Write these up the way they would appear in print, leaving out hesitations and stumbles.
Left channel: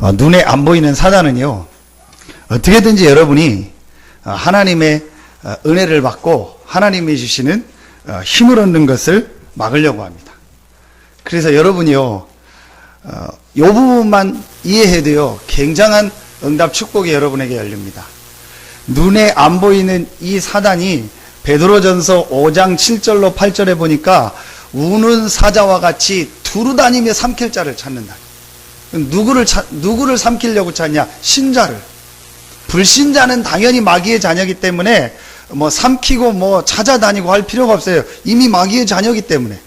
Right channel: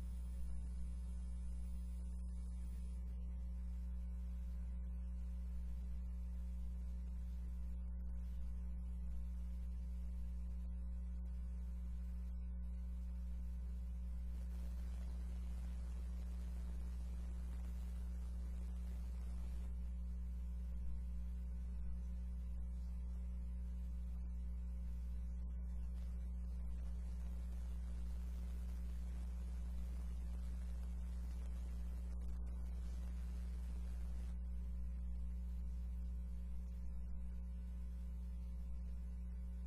눈에 안 보이는 사단은요, 어떻게든지 여러분이 하나님의 은혜를 받고 하나님이 주시는 힘을 얻는 것을 막으려고 합니다. 그래서 여러분이요, 이 부분만 이해해도요, 굉장한 응답 축복이 여러분에게 열립니다. 눈에 안 보이는 이 사단이 베드로전서 5장 7절로 8절에 보니까 우는 사자와 같이 두루다니며 삼킬 자를 찾는다. 누구를 삼키려고 찾냐? 신자를. 불신자는 당연히 마귀의 자녀이기 때문에 삼키고 찾아다니고 할 필요가 없어요. 이미 마귀의 자녀이기 때문에.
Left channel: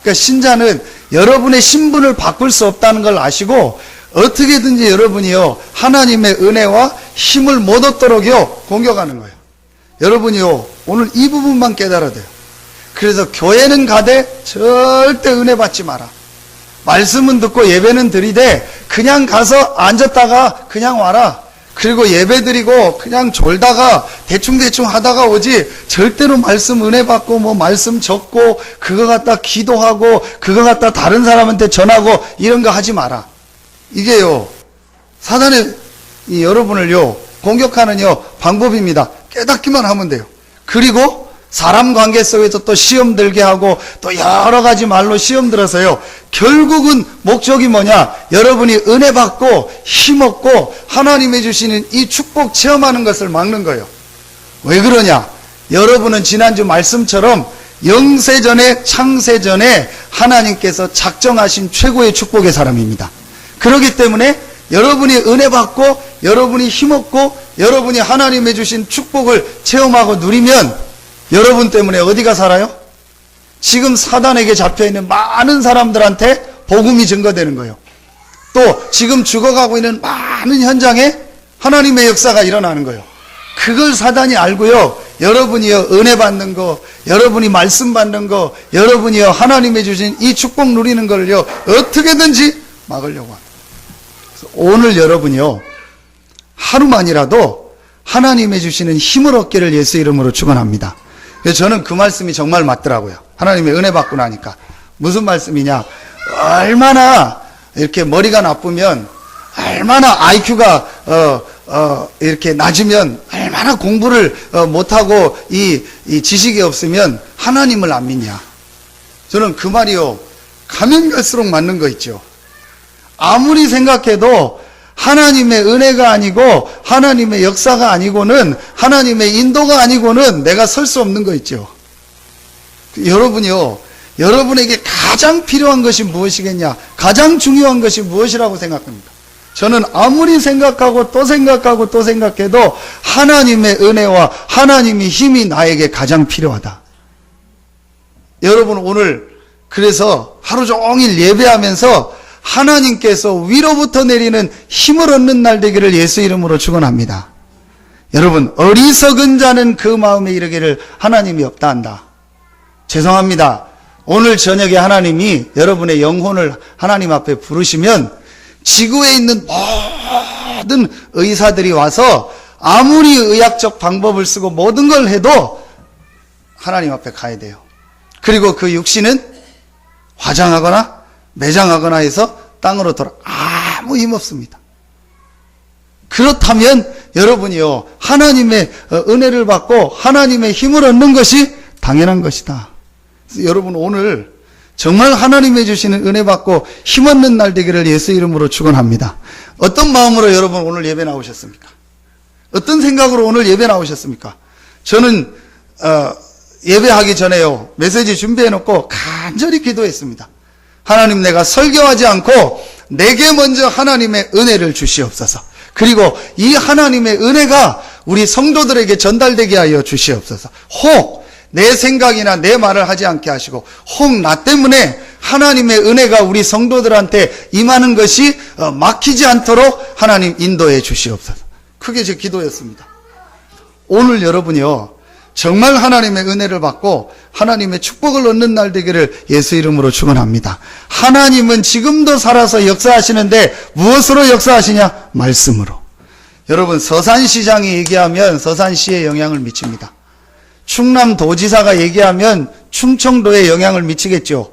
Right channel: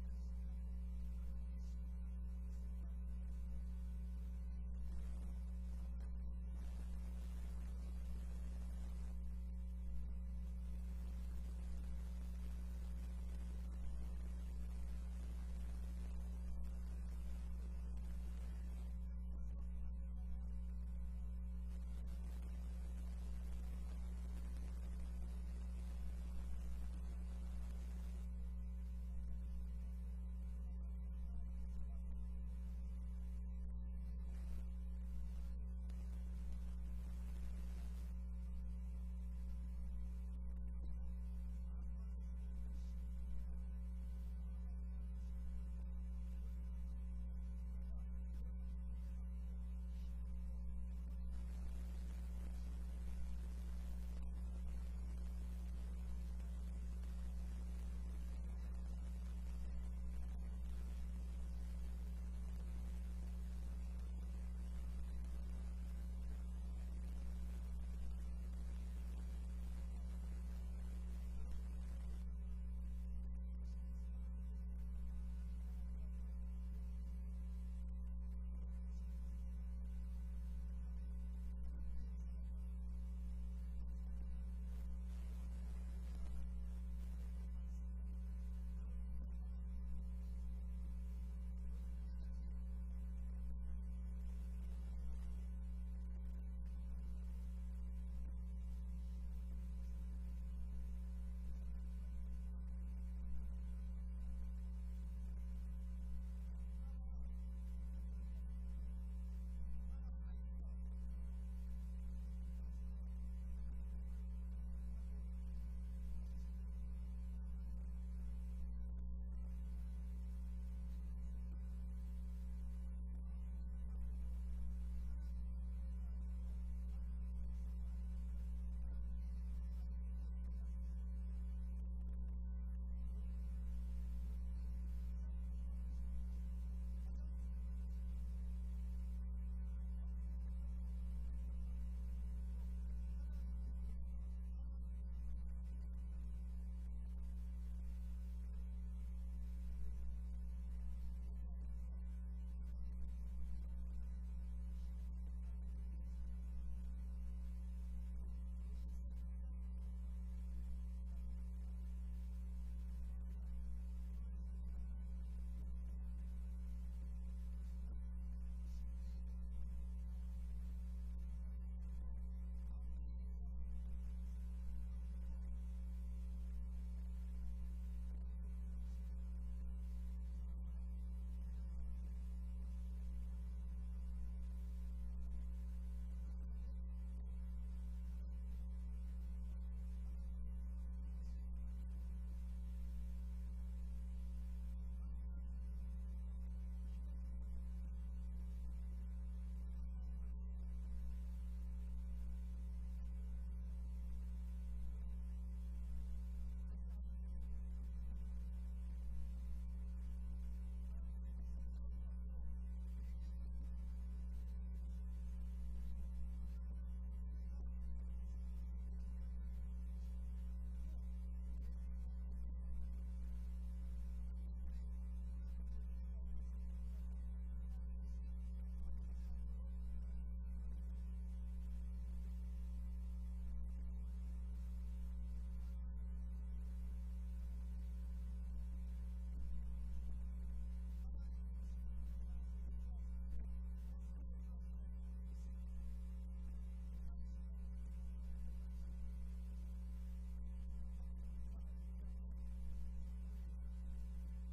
그러니까 신자는 여러분의 신분을 바꿀 수 없다는 걸 아시고 어떻게든지 여러분이요, 하나님의 은혜와 힘을 못 얻도록요 공격하는 거예요. 여러분이요, 오늘 이 부분만 깨달아야 돼요. 그래서 교회는 가되 절대 은혜 받지 마라. 말씀은 듣고 예배는 드리되 그냥 가서 앉았다가 그냥 와라. 그리고 예배 드리고 그냥 졸다가 대충대충 하다가 오지, 절대로 말씀 은혜 받고 말씀 적고 그거 갖다 기도하고 그거 갖다 다른 사람한테 전하고 이런 거 하지 마라. 이게요, 사단의 여러분을요 공격하는 방법입니다. 깨닫기만 하면 돼요. 그리고 사람 관계 속에서 또 시험 들게 하고 또 여러 가지 말로 시험 들어서요, 결국은 목적이 뭐냐? 여러분이 은혜 받고 힘 얻고 하나님이 주시는 이 축복 체험하는 것을 막는 거예요. 왜 그러냐? 여러분은 지난주 말씀처럼 영세전에 창세전에 하나님께서 작정하신 최고의 축복의 사람입니다. 그렇기 때문에 여러분이 은혜 받고 여러분이 힘 얻고 여러분이 하나님이 주신 축복을 체험하고 누리면 여러분 때문에 어디가 살아요? 지금 사단에게 잡혀있는 많은 사람들한테 복음이 증거되는 거예요. 또 지금 죽어가고 있는 많은 현장에 하나님의 역사가 일어나는 거예요. 그걸 사단이 알고요, 여러분이요 은혜 받는 거, 여러분이 말씀 받는 거, 여러분이요 하나님이 주신 이 축복 누리는 걸요 어떻게든지 막으려고 합니다. 그래서 오늘 여러분이요 하루만이라도 하나님이 주시는 힘을 얻기를 예수 이름으로 축원합니다. 그래서 저는 그 말씀이 정말 맞더라고요. 하나님의 은혜 받고 나니까. 무슨 말씀이냐? 얼마나 이렇게 머리가 나쁘면, 얼마나 IQ가 이렇게 낮으면, 얼마나 공부를 못하고 이 지식이 없으면 하나님을 안 믿냐. 저는 그 말이요, 가면 갈수록 맞는 거 있죠. 아무리 생각해도 하나님의 은혜가 아니고 하나님의 역사가 아니고는, 하나님의 인도가 아니고는 내가 설 수 없는 거 있죠. 여러분이요, 여러분에게 가장 필요한 것이 무엇이겠냐? 가장 중요한 것이 무엇이라고 생각합니까? 저는 아무리 생각하고 또 생각하고 또 생각해도 하나님의 은혜와 하나님의 힘이 나에게 가장 필요하다. 여러분 오늘 그래서 하루 종일 예배하면서 하나님께서 위로부터 내리는 힘을 얻는 날 되기를 예수 이름으로 축원합니다. 여러분, 어리석은 자는 그 마음에 이르기를 하나님이 없다 한다. 죄송합니다. 오늘 저녁에 하나님이 여러분의 영혼을 하나님 앞에 부르시면 지구에 있는 모든 의사들이 와서 아무리 의학적 방법을 쓰고 모든 걸 해도 하나님 앞에 가야 돼요. 그리고 그 육신은 화장하거나 매장하거나 해서 땅으로 돌아 아무 힘 없습니다. 그렇다면 여러분이요 하나님의 은혜를 받고 하나님의 힘을 얻는 것이 당연한 것이다. 그래서 여러분 오늘 정말 하나님이 주시는 은혜 받고 힘 얻는 날 되기를 예수 이름으로 축원합니다. 어떤 마음으로 여러분 오늘 예배 나오셨습니까? 어떤 생각으로 오늘 예배 나오셨습니까? 저는 예배하기 전에요 메시지 준비해놓고 간절히 기도했습니다. 하나님, 내가 설교하지 않고 내게 먼저 하나님의 은혜를 주시옵소서. 그리고 이 하나님의 은혜가 우리 성도들에게 전달되게 하여 주시옵소서. 혹 내 생각이나 내 말을 하지 않게 하시고 혹 나 때문에 하나님의 은혜가 우리 성도들한테 임하는 것이 막히지 않도록 하나님 인도해 주시옵소서. 그게 제 기도였습니다. 오늘 여러분이요 정말 하나님의 은혜를 받고 하나님의 축복을 얻는 날 되기를 예수 이름으로 축원합니다. 하나님은 지금도 살아서 역사하시는데 무엇으로 역사하시냐? 말씀으로. 여러분 서산시장이 얘기하면 서산시에 영향을 미칩니다. 충남도지사가 얘기하면 충청도에 영향을 미치겠죠.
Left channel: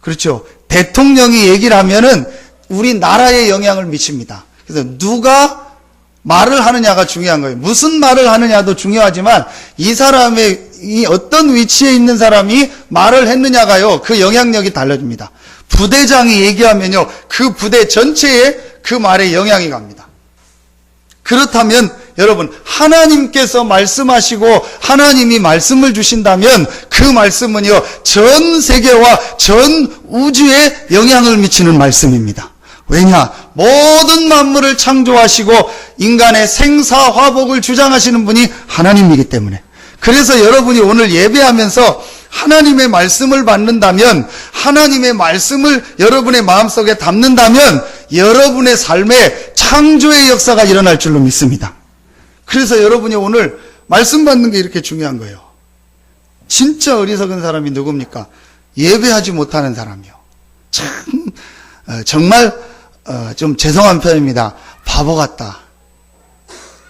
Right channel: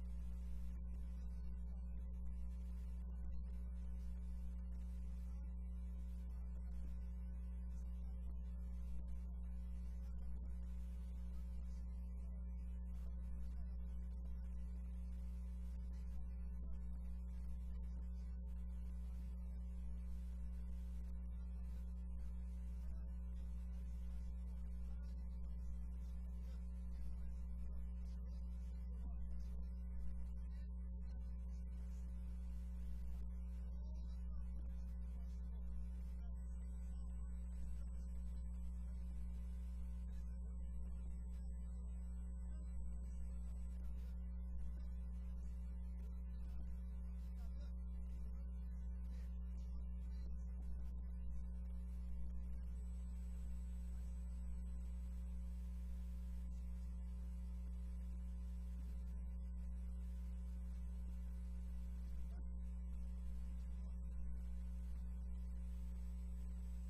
그렇죠. 대통령이 얘기를 하면은 우리나라에 영향을 미칩니다. 그래서 누가 말을 하느냐가 중요한 거예요. 무슨 말을 하느냐도 중요하지만 이 사람의 이 어떤 위치에 있는 사람이 말을 했느냐가요, 그 영향력이 달라집니다. 부대장이 얘기하면요, 그 부대 전체에 그 말에 영향이 갑니다. 그렇다면 여러분, 하나님께서 말씀하시고 하나님이 말씀을 주신다면 그 말씀은요, 전 세계와 전 우주에 영향을 미치는 말씀입니다. 왜냐? 모든 만물을 창조하시고 인간의 생사화복을 주장하시는 분이 하나님이기 때문에. 그래서 여러분이 오늘 예배하면서 하나님의 말씀을 받는다면, 하나님의 말씀을 여러분의 마음속에 담는다면 여러분의 삶에 창조의 역사가 일어날 줄로 믿습니다. 그래서 여러분이 오늘 말씀 받는 게 이렇게 중요한 거예요. 진짜 어리석은 사람이 누굽니까? 예배하지 못하는 사람이요. 참 정말 좀 죄송한 표현입니다. 바보 같다.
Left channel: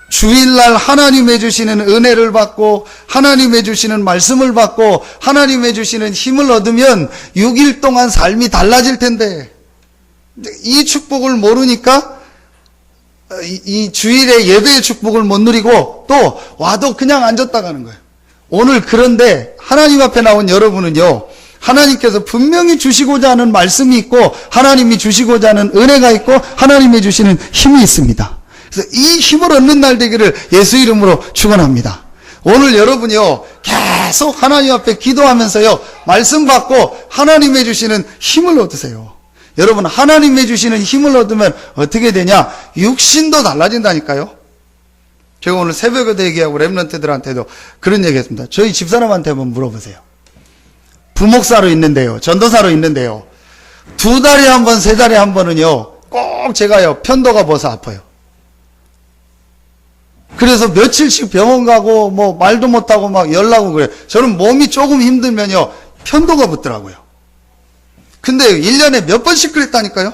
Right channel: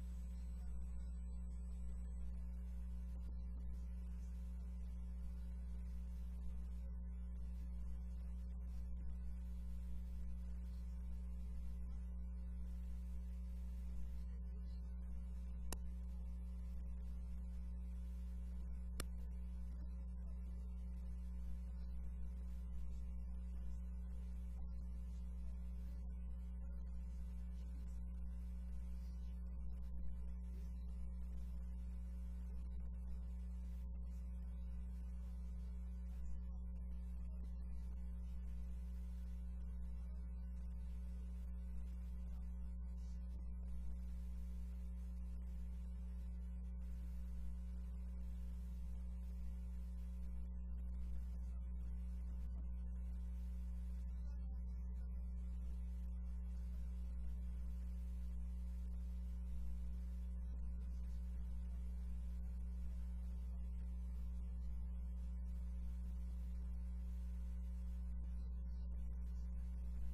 주일날 하나님의 주시는 은혜를 받고 하나님의 주시는 말씀을 받고 하나님의 주시는 힘을 얻으면 6일 동안 삶이 달라질 텐데, 이 축복을 모르니까 이 주일에 예배의 축복을 못 누리고 또 와도 그냥 앉았다 가는 거예요. 오늘 그런데 하나님 앞에 나온 여러분은요, 하나님께서 분명히 주시고자 하는 말씀이 있고 하나님이 주시고자 하는 은혜가 있고 하나님이 주시는 힘이 있습니다. 그래서 이 힘을 얻는 날 되기를 예수 이름으로 축원합니다. 오늘 여러분이요, 계속 하나님 앞에 기도하면서요, 말씀 받고 하나님이 주시는 힘을 얻으세요. 여러분, 하나님이 주시는 힘을 얻으면 어떻게 되냐? 육신도 달라진다니까요. 제가 오늘 새벽에도 얘기하고 랩런트들한테도 그런 얘기 했습니다. 저희 집사람한테 한번 물어보세요. 부목사로 있는데요, 전도사로 있는데요, 2달에 한 번, 3달에 한 번은요, 꼭 제가요, 편도가 벗어 아파요. 그래서 며칠씩 병원 가고, 뭐, 말도 못하고 막 열나고 그래요. 저는 몸이 조금 힘들면요, 편도가 붙더라고요. 근데 1년에 몇 번씩 그랬다니까요?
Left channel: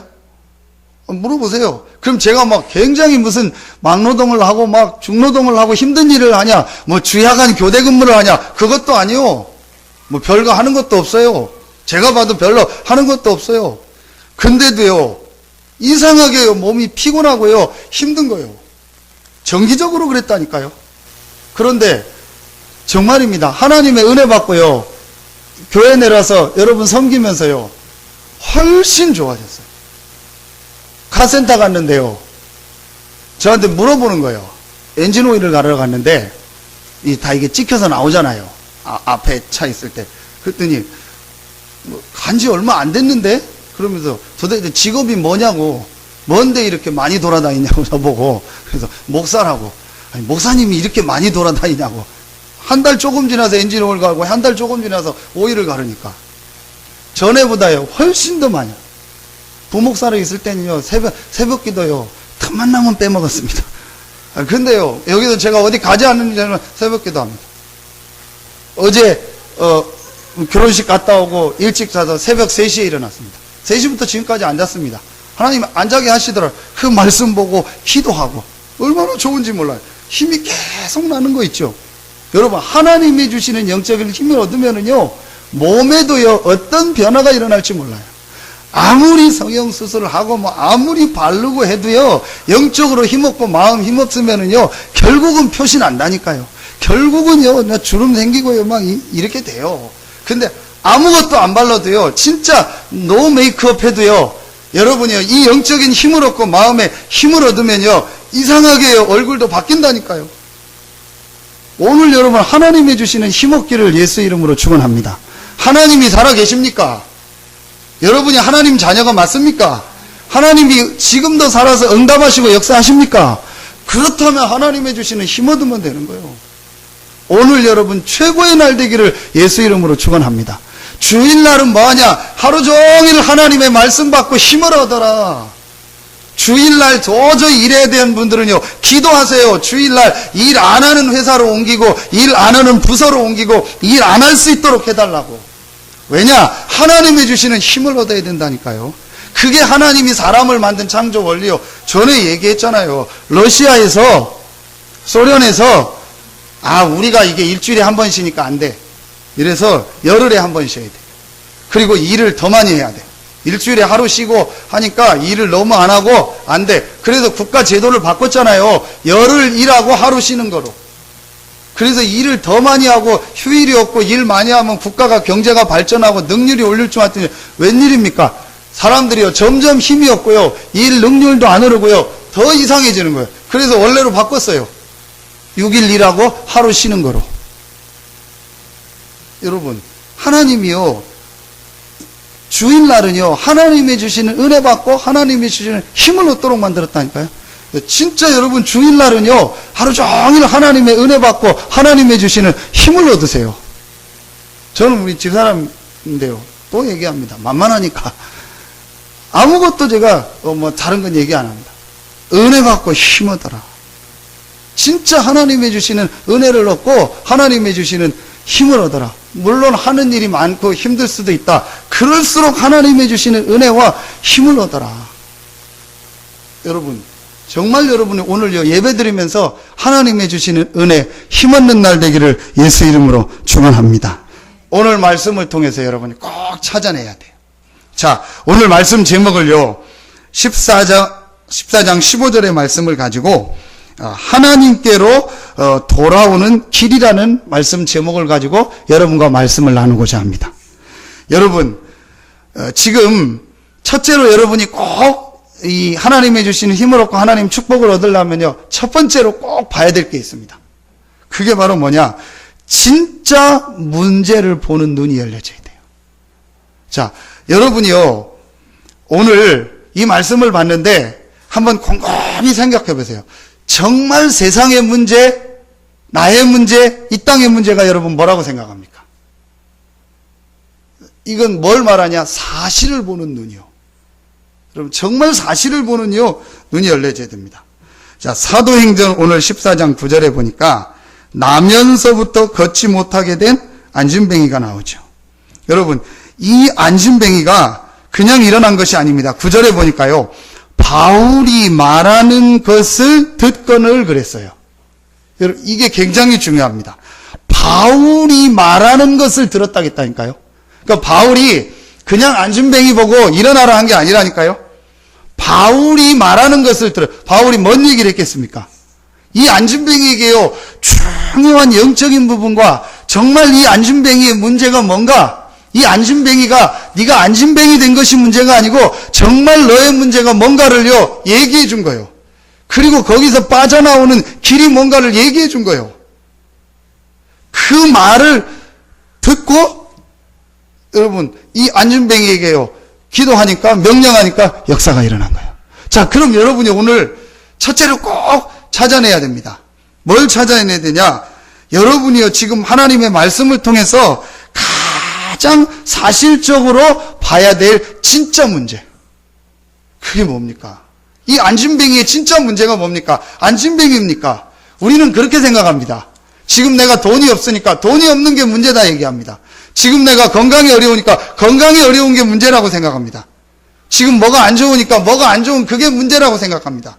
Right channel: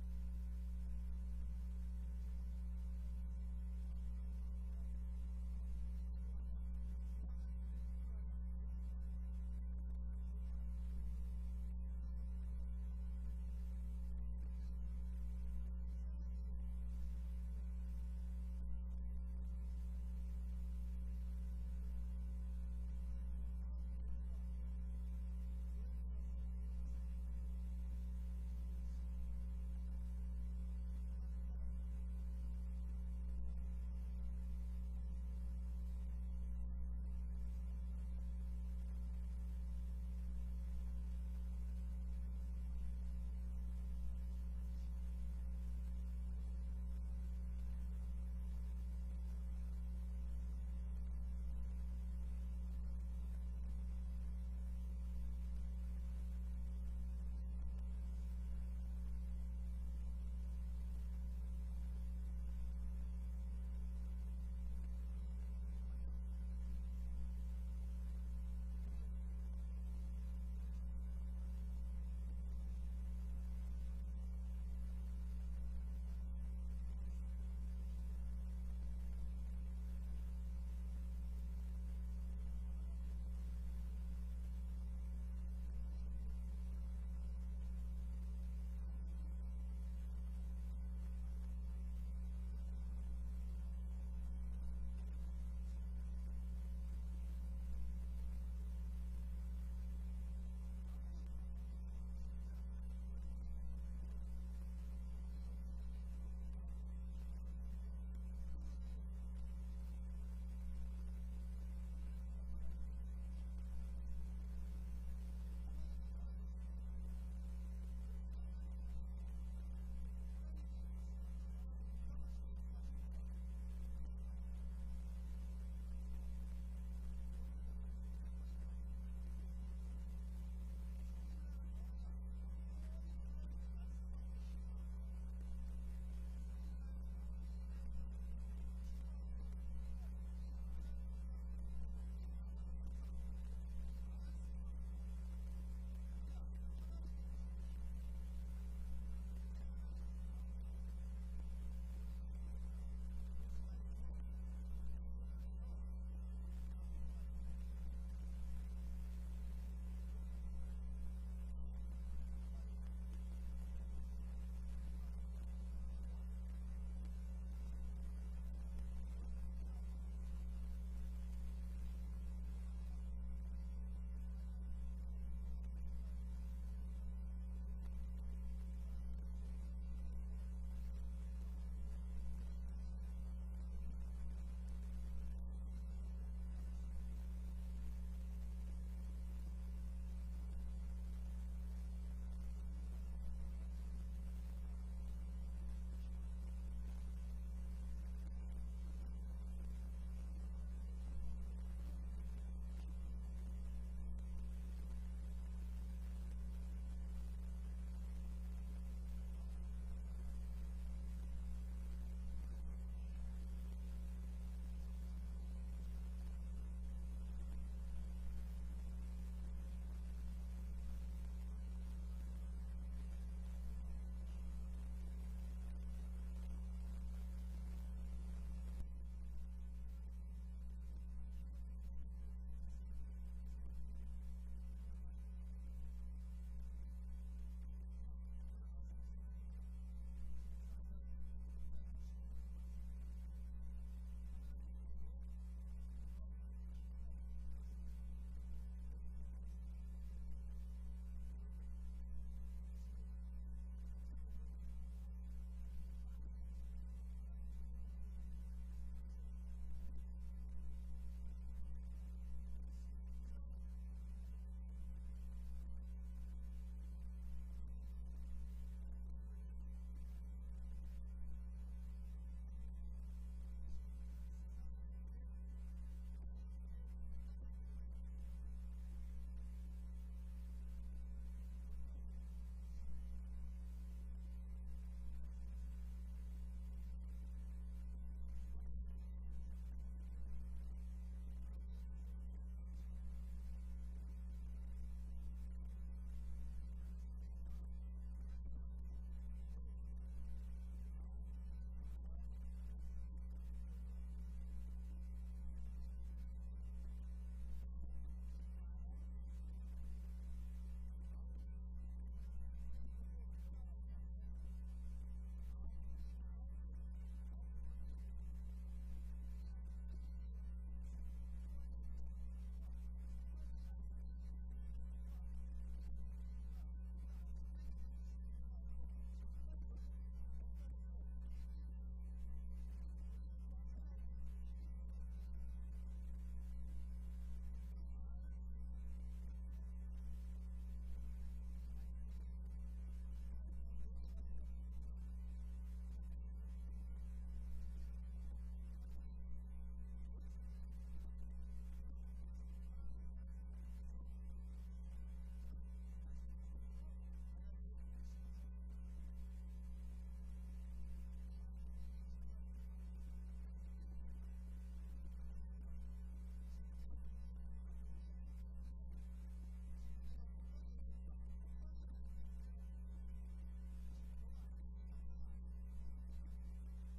물어보세요. 그럼 제가 막 굉장히 무슨 막노동을 하고 막 중노동을 하고 힘든 일을 하냐, 뭐 주야간 교대 근무를 하냐, 그것도 아니요. 뭐 별거 하는 것도 없어요. 제가 봐도 별로 하는 것도 없어요. 근데도요, 이상하게요, 몸이 피곤하고요, 힘든 거예요. 정기적으로 그랬다니까요. 그런데 정말입니다. 하나님의 은혜 받고요, 교회 내려서 여러분 섬기면서요, 훨씬 좋아졌어요. 카센터 갔는데요, 저한테 물어보는 거예요. 엔진 오일을 갈으러 갔는데 다 이게 찍혀서 나오잖아요. 앞에 차 있을 때. 그랬더니 뭐 간지 얼마 안 됐는데? 그러면서 도대체 직업이 뭐냐고, 뭔데 이렇게 많이 돌아다니냐고 저보고. 그래서 목사라고. 아니, 목사님이 이렇게 많이 돌아다니냐고. 한 달 조금 지나서 엔진 오일 갈고 한 달 조금 지나서 오일을 가르니까 전에보다요 훨씬 더 많이. 부목사로 있을 때는요, 새벽 기도요, 틈만 나면 빼먹었습니다. 근데요, 여기서 제가 어디 가지 않는 저는 새벽 기도 합니다. 어제 결혼식 갔다 오고 일찍 자서 새벽 3시에 일어났습니다. 3시부터 지금까지 앉았습니다. 하나님 안 자게 하시더라고요. 그 말씀 보고 기도하고. 얼마나 좋은지 몰라요. 힘이 계속 나는 거 있죠. 여러분, 하나님이 주시는 영적인 힘을 얻으면은요, 몸에도요, 어떤 변화가 일어날지 몰라요. 아무리 성형수술을 하고 뭐 아무리 바르고 해도요, 영적으로 힘없고 마음 힘없으면은요, 결국은 표시 난다니까요. 결국은요, 주름 생기고요, 막 이렇게 돼요. 근데 아무것도 안 발라도요, 진짜 노 메이크업 해도요, 여러분이요, 이 영적인 힘을 얻고 마음에 힘을 얻으면요, 이상하게요, 얼굴도 바뀐다니까요. 오늘 여러분, 하나님이 주시는 힘 얻기를 예수 이름으로 축원합니다. 하나님이 살아계십니까? 여러분이 하나님 자녀가 맞습니까? 하나님이 지금도 살아서 응답하시고 역사하십니까? 그렇다면 하나님이 주시는 힘 얻으면 되는 거예요. 오늘 여러분 최고의 날 되기를 예수 이름으로 축원합니다. 주일날은 뭐하냐? 하루 종일 하나님의 말씀 받고 힘을 얻어라. 주일날 도저히 일해야 되는 분들은요, 기도하세요. 주일날 일 안 하는 회사로 옮기고 일 안 하는 부서로 옮기고 일 안 할 수 있도록 해달라고. 왜냐? 하나님이 주시는 힘을 얻어야 된다니까요. 그게 하나님이 사람을 만든 창조 원리요. 전에 얘기했잖아요. 러시아에서, 소련에서 우리가 이게 일주일에 한 번 쉬니까 안 돼. 이래서 열흘에 한 번 쉬어야 돼. 그리고 일을 더 많이 해야 돼. 일주일에 하루 쉬고 하니까 일을 너무 안 하고 안 돼. 그래서 국가 제도를 바꿨잖아요. 열흘 일하고 하루 쉬는 거로. 그래서 일을 더 많이 하고 휴일이 없고 일 많이 하면 국가가 경제가 발전하고 능률이 올릴 줄 알았더니 웬일입니까? 사람들이요 점점 힘이 없고요. 일 능률도 안 오르고요. 더 이상해지는 거예요. 그래서 원래로 바꿨어요. 6일 일하고 하루 쉬는 거로. 여러분, 하나님이요 주일날은요 하나님이 주시는 은혜 받고 하나님이 주시는 힘을 얻도록 만들었다니까요. 진짜 여러분 주일날은요 하루 종일 하나님의 은혜 받고 하나님이 주시는 힘을 얻으세요. 저는 우리 집사람인데요 또 얘기합니다. 만만하니까 아무것도 제가 뭐 다른 건 얘기 안 합니다. 은혜 받고 힘 얻어라. 진짜 하나님이 주시는 은혜를 얻고 하나님이 주시는 힘을 얻어라. 물론 하는 일이 많고 힘들 수도 있다. 그럴수록 하나님이 주시는 은혜와 힘을 얻어라. 여러분 정말 여러분이 오늘 예배 드리면서 하나님이 주시는 은혜 힘 얻는 날 되기를 예수 이름으로 축원합니다. 오늘 말씀을 통해서 여러분이 꼭 찾아내야 돼요. 자, 오늘 말씀 제목을요 14장 15절의 말씀을 가지고 하나님께로 돌아오는 길이라는 말씀 제목을 가지고 여러분과 말씀을 나누고자 합니다. 여러분 지금 첫째로 여러분이 꼭 이 하나님이 주시는 힘을 얻고 하나님 축복을 얻으려면요 첫 번째로 꼭 봐야 될 게 있습니다. 그게 바로 뭐냐? 진짜 문제를 보는 눈이 열려져야 돼요. 자, 여러분이요 오늘 이 말씀을 봤는데 한번 곰곰이 생각해 보세요. 정말 세상의 문제, 나의 문제, 이 땅의 문제가 여러분 뭐라고 생각합니까? 이건 뭘 말하냐? 사실을 보는 눈이요. 여러분 정말 사실을 보는요 눈이 열려져야 됩니다. 자, 사도행전 오늘 14장 9절에 보니까 나면서부터 걷지 못하게 된 안진뱅이가 나오죠. 여러분 이 안진뱅이가 그냥 일어난 것이 아닙니다. 9절에 보니까요 바울이 말하는 것을 듣거늘 그랬어요. 여러분 이게 굉장히 중요합니다. 바울이 말하는 것을 들었다겠다니까요. 그러니까 바울이 그냥 안진뱅이 보고 일어나라 한 게 아니라니까요. 바울이 말하는 것을 들어. 바울이 뭔 얘기를 했겠습니까? 이 안진뱅이에게요 중요한 영적인 부분과 정말 이 안진뱅이의 문제가 뭔가, 이 안진뱅이가 네가 안진뱅이 된 것이 문제가 아니고 정말 너의 문제가 뭔가를요 얘기해 준 거예요. 그리고 거기서 빠져나오는 길이 뭔가를 얘기해 준 거예요. 그 말을 듣고 여러분 이 안진뱅이에게요 기도하니까 명령하니까 역사가 일어난 거예요. 자, 그럼 여러분이 오늘 첫째로 꼭 찾아내야 됩니다. 뭘 찾아내야 되냐? 여러분이요 지금 하나님의 말씀을 통해서 가장 사실적으로 봐야 될 진짜 문제, 그게 뭡니까? 이 안진뱅이의 진짜 문제가 뭡니까? 안진뱅이입니까? 우리는 그렇게 생각합니다. 지금 내가 돈이 없으니까 돈이 없는 게 문제다 얘기합니다. 지금 내가 건강이 어려우니까 건강이 어려운 게 문제라고 생각합니다. 지금 뭐가 안 좋으니까 뭐가 안 좋은 그게 문제라고 생각합니다.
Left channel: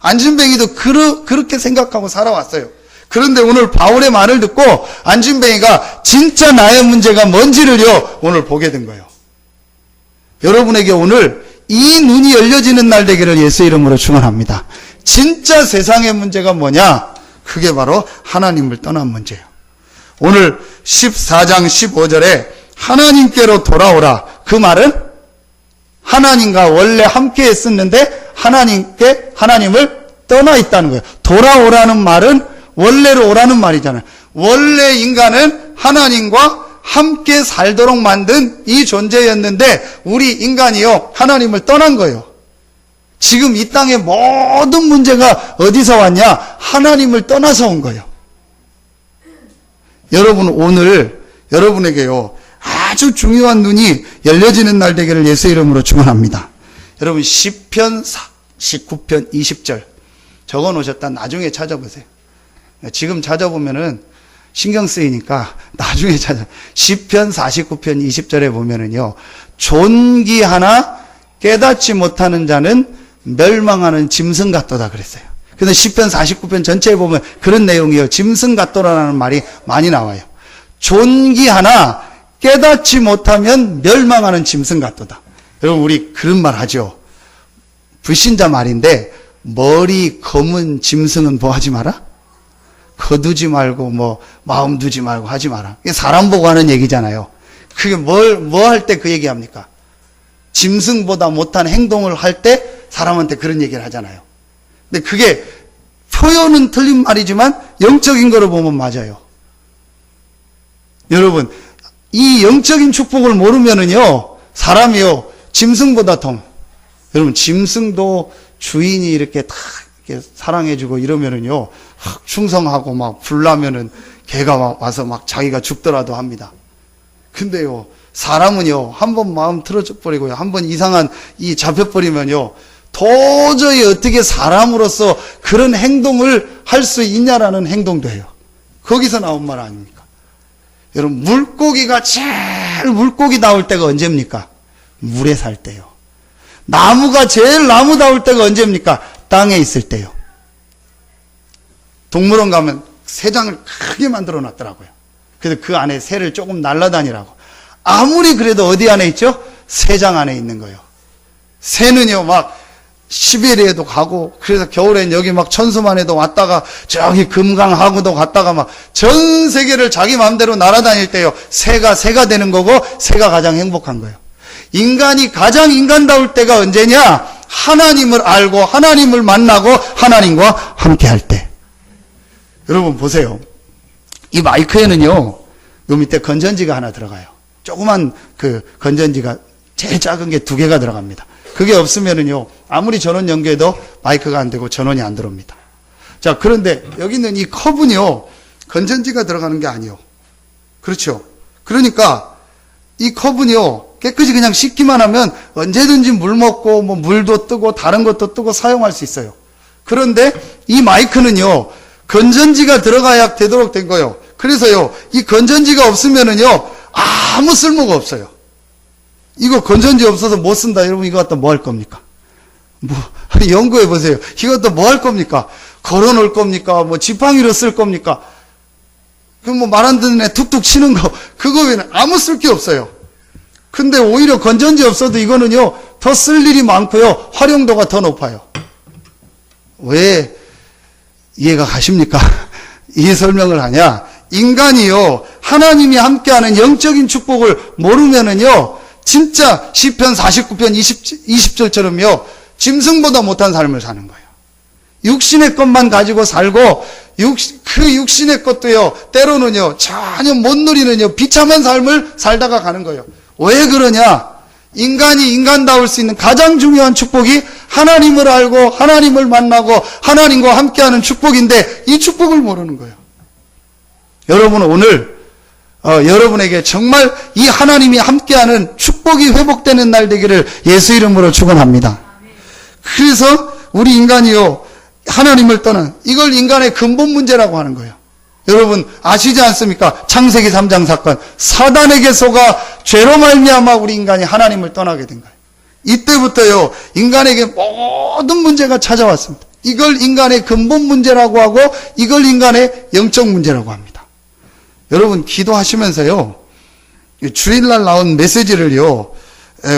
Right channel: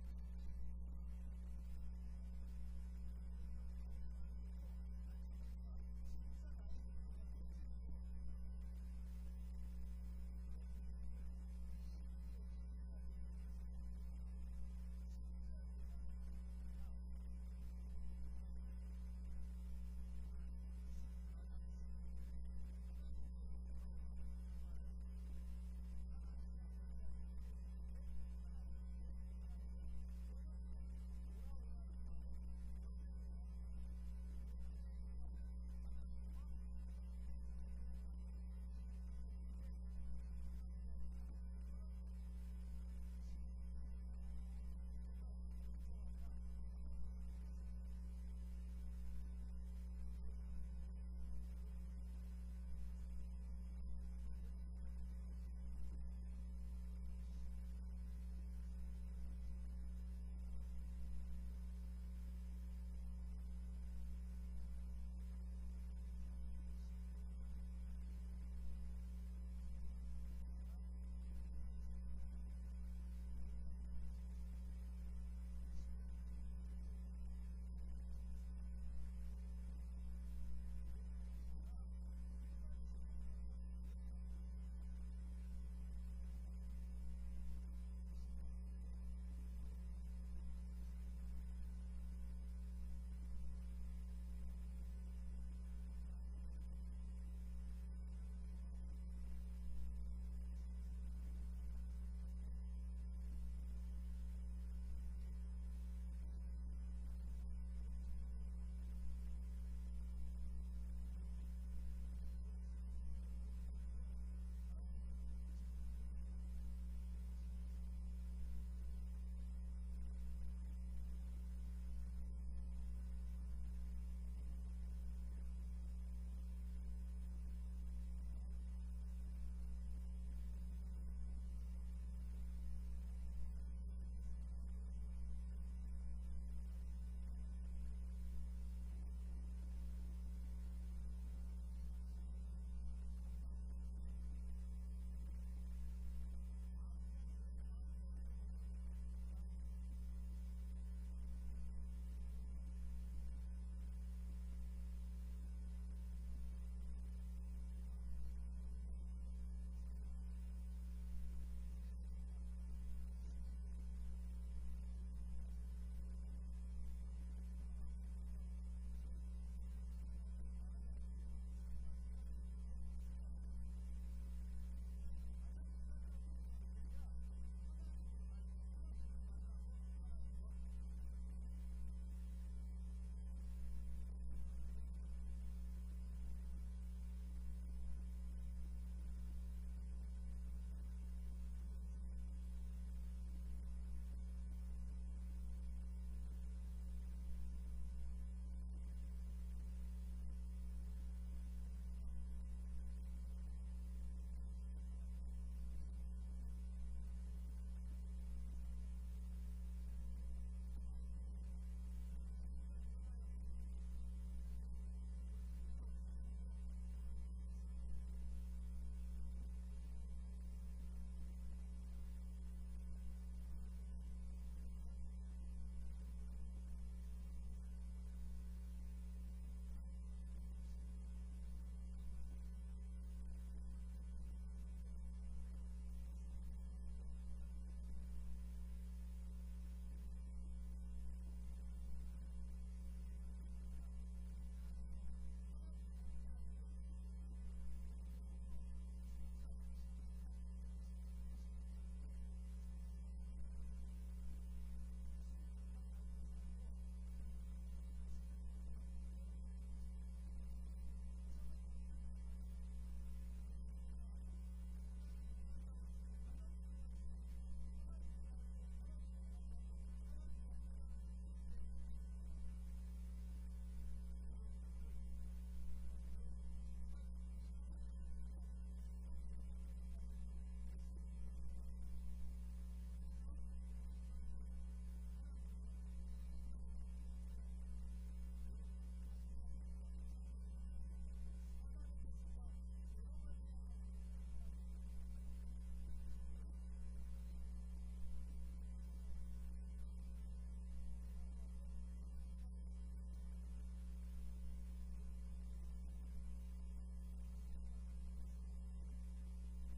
안진뱅이도 그렇게 생각하고 살아왔어요. 그런데 오늘 바울의 말을 듣고 안진뱅이가 진짜 나의 문제가 뭔지를요 오늘 보게 된 거예요. 여러분에게 오늘 이 눈이 열려지는 날 되기를 예수 이름으로 축원합니다. 진짜 세상의 문제가 뭐냐? 그게 바로 하나님을 떠난 문제예요. 오늘 14장 15절에 하나님께로 돌아오라. 그 말은 하나님과 원래 함께 했었는데 하나님을 떠나 있다는 거예요. 돌아오라는 말은 원래로 오라는 말이잖아요. 원래 인간은 하나님과 함께 살도록 만든 이 존재였는데 우리 인간이요 하나님을 떠난 거예요. 지금 이 땅의 모든 문제가 어디서 왔냐? 하나님을 떠나서 온 거예요. 여러분 오늘 여러분에게요 아주 중요한 눈이 열려지는 날 되기를 예수 이름으로 축원합니다. 여러분 시편 49편 20절 적어 놓으셨다 나중에 찾아보세요. 지금 찾아보면은 신경 쓰이니까 나중에 시편 49편 20절에 보면은요 존귀하나 깨닫지 못하는 자는 멸망하는 짐승 같도다 그랬어요. 그래서 시편 49편 전체에 보면 그런 내용이에요. 짐승 같도라는 말이 많이 나와요. 존귀하나 깨닫지 못하면 멸망하는 짐승 같도다. 여러분, 우리 그런 말 하죠. 불신자 말인데, 머리 검은 짐승은 뭐 하지 마라? 거두지 말고, 마음 두지 말고 하지 마라. 이게 사람 보고 하는 얘기잖아요. 그게 뭐 할 때 그 얘기 합니까? 짐승보다 못한 행동을 할 때 사람한테 그런 얘기를 하잖아요. 근데 그게 표현은 틀린 말이지만 영적인 거로 보면 맞아요. 여러분, 이 영적인 축복을 모르면은요, 사람이요, 짐승보다 더, 여러분, 짐승도 주인이 이렇게 다 이렇게 사랑해주고 이러면은요, 충성하고 막 불나면은 개가 와서 막 자기가 죽더라도 합니다. 근데요, 사람은요, 한번 마음 틀어져 버리고요, 한번 이상한 이 잡혀버리면요, 도저히 어떻게 사람으로서 그런 행동을 할 수 있냐라는 행동도 해요. 거기서 나온 말 아닙니까? 여러분, 물고기가 제일 물고기 나올 때가 언제입니까? 물에 살 때요. 나무가 제일 나무다울 때가 언제입니까? 땅에 있을 때요. 동물원 가면 새장을 크게 만들어 놨더라고요. 그래서 그 안에 새를 조금 날라다니라고. 아무리 그래도 어디 안에 있죠? 새장 안에 있는 거예요. 새는요, 막 시베리아에도 가고, 그래서 겨울엔 여기 막 천수만에도 왔다가 저기 금강하구도 갔다가 막 전 세계를 자기 마음대로 날아다닐 때요, 새가 되는 거고, 새가 가장 행복한 거예요. 인간이 가장 인간다울 때가 언제냐? 하나님을 알고 하나님을 만나고 하나님과 함께 할 때. 여러분 보세요. 이 마이크에는요, 요 밑에 건전지가 하나 들어가요. 조그만 그 건전지가 제일 작은 게 2개가 들어갑니다. 그게 없으면은요, 아무리 전원 연결해도 마이크가 안 되고 전원이 안 들어옵니다. 자, 그런데 여기 있는 이 컵은요, 건전지가 들어가는 게 아니요. 그렇죠? 그러니까 이 컵은요, 깨끗이 그냥 씻기만 하면 언제든지 물 먹고 물도 뜨고 다른 것도 뜨고 사용할 수 있어요. 그런데 이 마이크는요, 건전지가 들어가야 되도록 된 거예요. 그래서요, 이 건전지가 없으면은요, 아무 쓸모가 없어요. 이거 건전지 없어서 못 쓴다. 여러분, 이거 갖다 뭐 할 겁니까? 연구해 보세요. 이거 갖다 뭐 할 겁니까? 걸어 놓을 겁니까? 지팡이로 쓸 겁니까? 그럼 말 안 듣는 애 툭툭 치는 거, 그거 외에는 아무 쓸 게 없어요. 근데 오히려 건전지 없어도 이거는요, 더 쓸 일이 많고요, 활용도가 더 높아요. 왜 이해가 가십니까? 이 설명을 하냐? 인간이요, 하나님이 함께하는 영적인 축복을 모르면은요, 진짜 시편 49편 20절처럼요, 짐승보다 못한 삶을 사는 거예요. 육신의 것만 가지고 살고, 그 육신의 것도요, 때로는요, 전혀 못 누리는요, 비참한 삶을 살다가 가는 거예요. 왜 그러냐? 인간이 인간다울 수 있는 가장 중요한 축복이 하나님을 알고 하나님을 만나고 하나님과 함께하는 축복인데, 이 축복을 모르는 거예요. 여러분, 오늘 여러분에게 정말 이 하나님이 함께하는 축복이 회복되는 날 되기를 예수 이름으로 축원합니다. 그래서 우리 인간이요, 하나님을 떠난, 이걸 인간의 근본 문제라고 하는 거예요. 여러분 아시지 않습니까? 창세기 3장 사건, 사단에게 속아 죄로 말미암아 우리 인간이 하나님을 떠나게 된 거예요. 이때부터요, 인간에게 모든 문제가 찾아왔습니다. 이걸 인간의 근본 문제라고 하고, 이걸 인간의 영적 문제라고 합니다. 여러분, 기도하시면서요, 주일날 나온 메시지를요,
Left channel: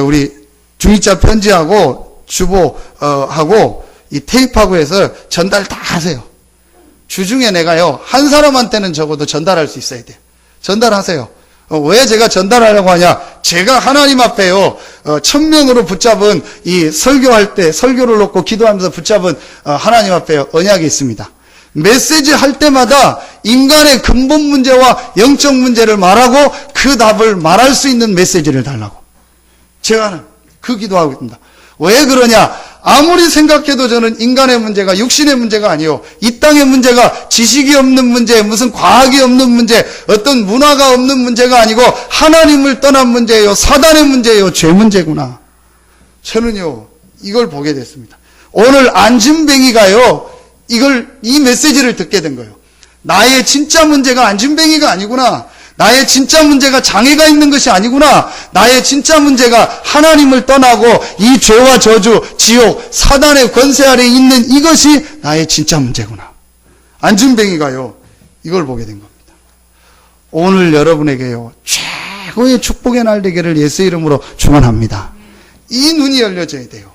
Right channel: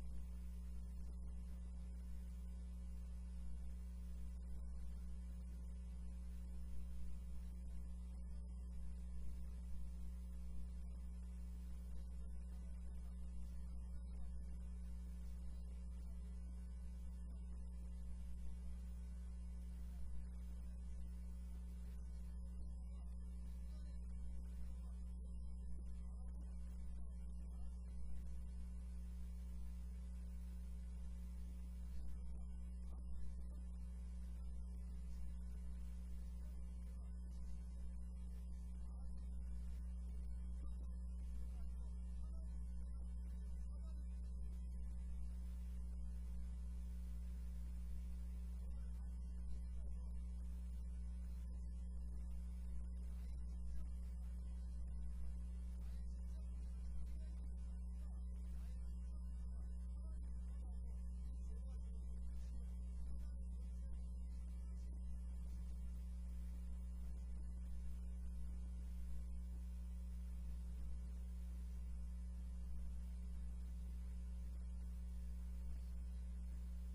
우리 중이자 편지하고 주보하고 이 테이프하고 해서 전달 다 하세요. 주중에 내가요, 한 사람한테는 적어도 전달할 수 있어야 돼요. 전달하세요. 왜 제가 전달하려고 하냐? 제가 하나님 앞에요, 1000명으로 붙잡은 이 설교할 때, 설교를 놓고 기도하면서 붙잡은 하나님 앞에 언약이 있습니다. 메시지 할 때마다 인간의 근본 문제와 영적 문제를 말하고 그 답을 말할 수 있는 메시지를 달라고. 제가 그 기도하고 있습니다. 왜 그러냐? 아무리 생각해도 저는 인간의 문제가 육신의 문제가 아니요, 이 땅의 문제가 지식이 없는 문제, 무슨 과학이 없는 문제, 어떤 문화가 없는 문제가 아니고 하나님을 떠난 문제예요, 사단의 문제예요, 죄 문제구나. 저는요, 이걸 보게 됐습니다. 오늘 안진뱅이가요, 이 메시지를 듣게 된 거예요. 나의 진짜 문제가 안진뱅이가 아니구나. 나의 진짜 문제가 장애가 있는 것이 아니구나. 나의 진짜 문제가 하나님을 떠나고 이 죄와 저주, 지옥, 사단의 권세 아래 있는 이것이 나의 진짜 문제구나. 안진뱅이가요, 이걸 보게 된 겁니다. 오늘 여러분에게요, 최고의 축복의 날 되기를 예수 이름으로 축원합니다. 이 눈이 열려져야 돼요.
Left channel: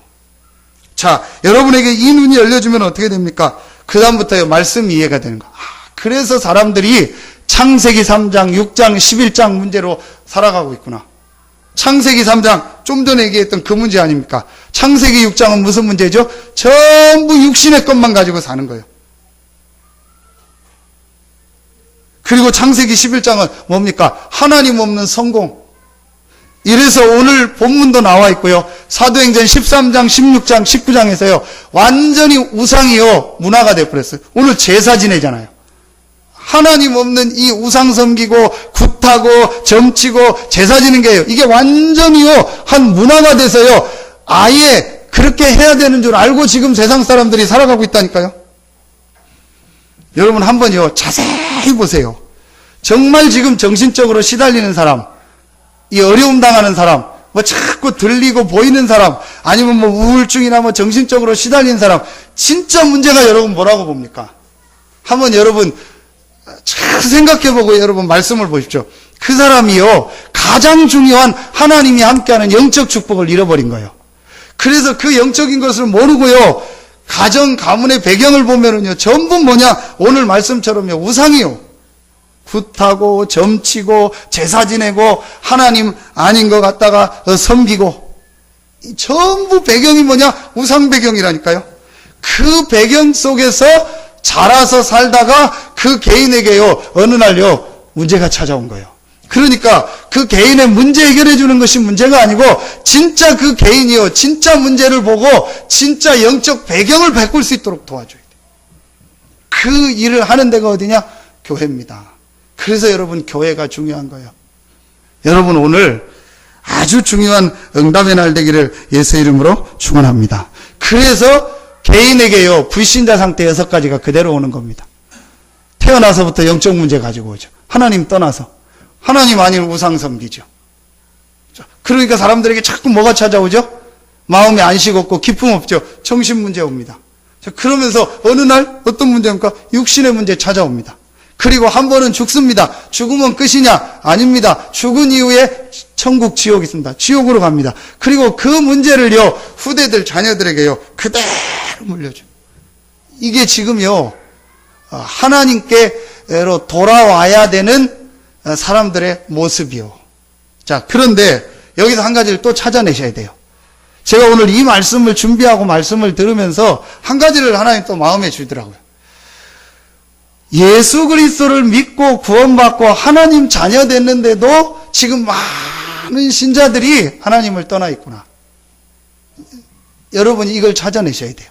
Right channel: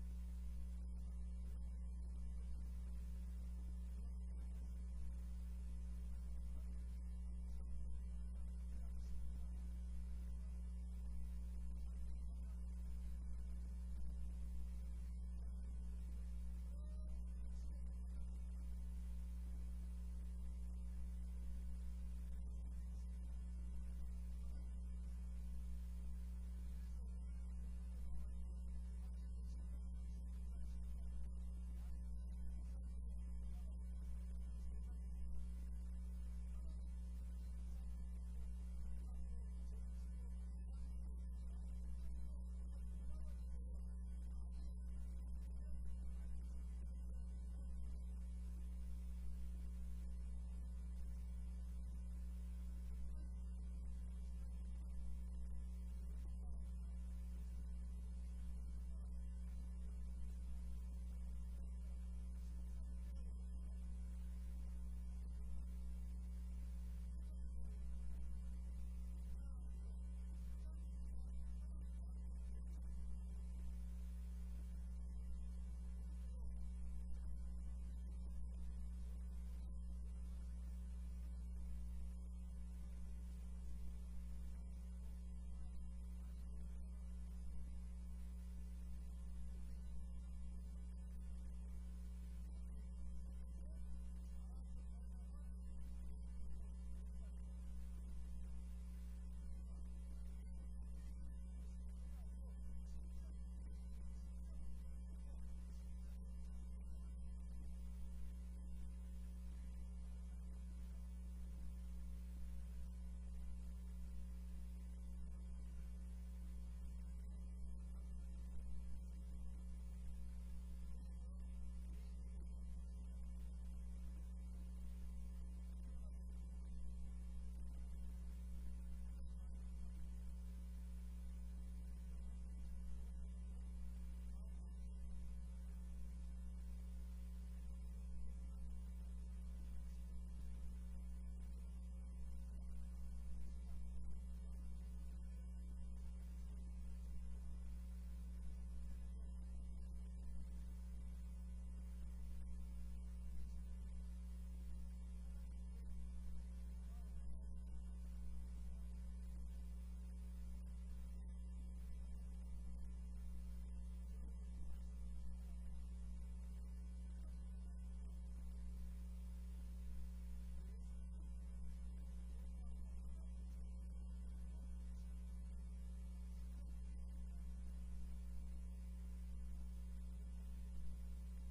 자, 여러분에게 이 눈이 열려주면 어떻게 됩니까? 그 다음부터 말씀이 이해가 되는 거. 그래서 사람들이 창세기 3장, 6장, 11장 문제로 살아가고 있구나. 창세기 3장, 좀 전에 얘기했던 그 문제 아닙니까? 창세기 6장은 무슨 문제죠? 전부 육신의 것만 가지고 사는 거예요. 그리고 창세기 11장은 뭡니까? 하나님 없는 성공. 이래서 오늘 본문도 나와 있고요. 사도행전 13장, 16장, 19장에서요. 완전히 우상이요. 문화가 되어버렸어요. 오늘 제사 지내잖아요. 하나님 없는 이 우상 섬기고 굿하고 점치고 제사 지는 게요. 이게 완전히요. 한 문화가 돼서요. 아예 그렇게 해야 되는 줄 알고 지금 세상 사람들이 살아가고 있다니까요. 여러분 한번요. 자세히 보세요. 정말 지금 정신적으로 시달리는 사람, 이 어려움 당하는 사람, 뭐 자꾸 들리고 보이는 사람, 아니면 뭐 우울증이나 뭐 정신적으로 시달리는 사람, 진짜 문제가 여러분 뭐라고 봅니까? 한번 여러분 잘 생각해보고 여러분 말씀을 보십시오. 그 사람이요, 가장 중요한 하나님이 함께하는 영적 축복을 잃어버린 거예요. 그래서 그 영적인 것을 모르고요, 가정, 가문의 배경을 보면은요, 전부 뭐냐, 오늘 말씀처럼요, 우상이요. 굿하고, 점치고, 제사 지내고, 하나님 아닌 것 같다가 섬기고, 전부 배경이 뭐냐, 우상 배경이라니까요. 그 배경 속에서 자라서 살다가 그 개인에게요, 어느 날요, 문제가 찾아온 거예요. 그러니까 그 개인의 문제 해결해 주는 것이 문제가 아니고 진짜 그 개인이요, 진짜 문제를 보고 진짜 영적 배경을 바꿀 수 있도록 도와줘야 돼요. 그 일을 하는 데가 어디냐? 교회입니다. 그래서 여러분 교회가 중요한 거예요. 여러분 오늘 아주 중요한 응답의 날 되기를 예수 이름으로 축원합니다. 그래서 개인에게요, 불신자 상태 6가지가 그대로 오는 겁니다. 태어나서부터 영적 문제 가지고 오죠. 하나님 떠나서. 하나님 아닌 우상 섬기죠. 그러니까 사람들에게 자꾸 뭐가 찾아오죠? 마음에 안식 없고 기쁨 없죠. 정신 문제 옵니다. 그러면서 어느 날 어떤 문제입니까? 육신의 문제 찾아옵니다. 그리고 한 번은 죽습니다. 죽으면 끝이냐? 아닙니다. 죽은 이후에 천국, 지옥이 있습니다. 지옥으로 갑니다. 그리고 그 문제를요, 후대들, 자녀들에게요, 그대로 물려줘. 이게 지금요, 하나님께로 돌아와야 되는 사람들의 모습이요. 자, 그런데 여기서 한 가지를 또 찾아내셔야 돼요. 제가 오늘 이 말씀을 준비하고 말씀을 들으면서 한 가지를 하나님 또 마음에 주더라고요. 예수 그리스도를 믿고 구원받고 하나님 자녀 됐는데도 지금 많은 신자들이 하나님을 떠나 있구나. 여러분이 이걸 찾아내셔야 돼요.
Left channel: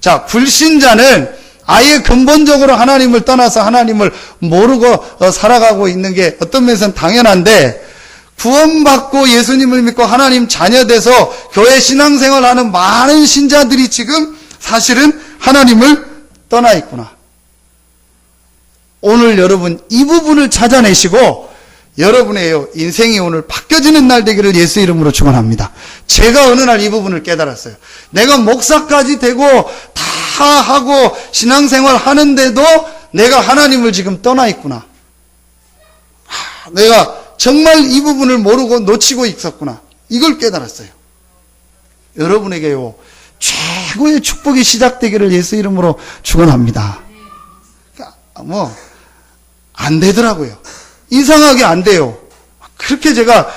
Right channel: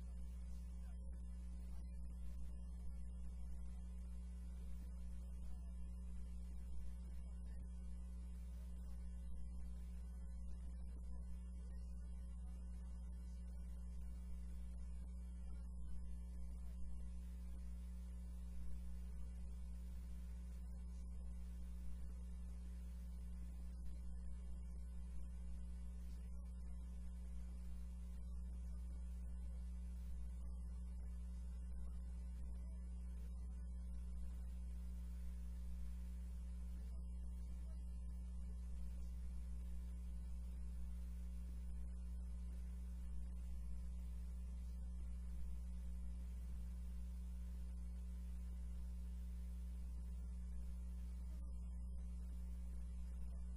자, 불신자는 아예 근본적으로 하나님을 떠나서 하나님을 모르고 살아가고 있는 게 어떤 면에서는 당연한데, 구원받고 예수님을 믿고 하나님 자녀 돼서 교회 신앙생활하는 많은 신자들이 지금 사실은 하나님을 떠나 있구나. 오늘 여러분 이 부분을 찾아내시고 여러분의 인생이 오늘 바뀌어지는 날 되기를 예수 이름으로 축원합니다. 제가 어느 날 이 부분을 깨달았어요. 내가 목사까지 되고 다 하고 신앙생활 하는데도 내가 하나님을 지금 떠나 있구나. 내가 정말 이 부분을 모르고 놓치고 있었구나. 이걸 깨달았어요. 여러분에게요, 최고의 축복이 시작되기를 예수 이름으로 축원합니다. 그러니까 안 되더라고요. 이상하게 안 돼요. 그렇게 제가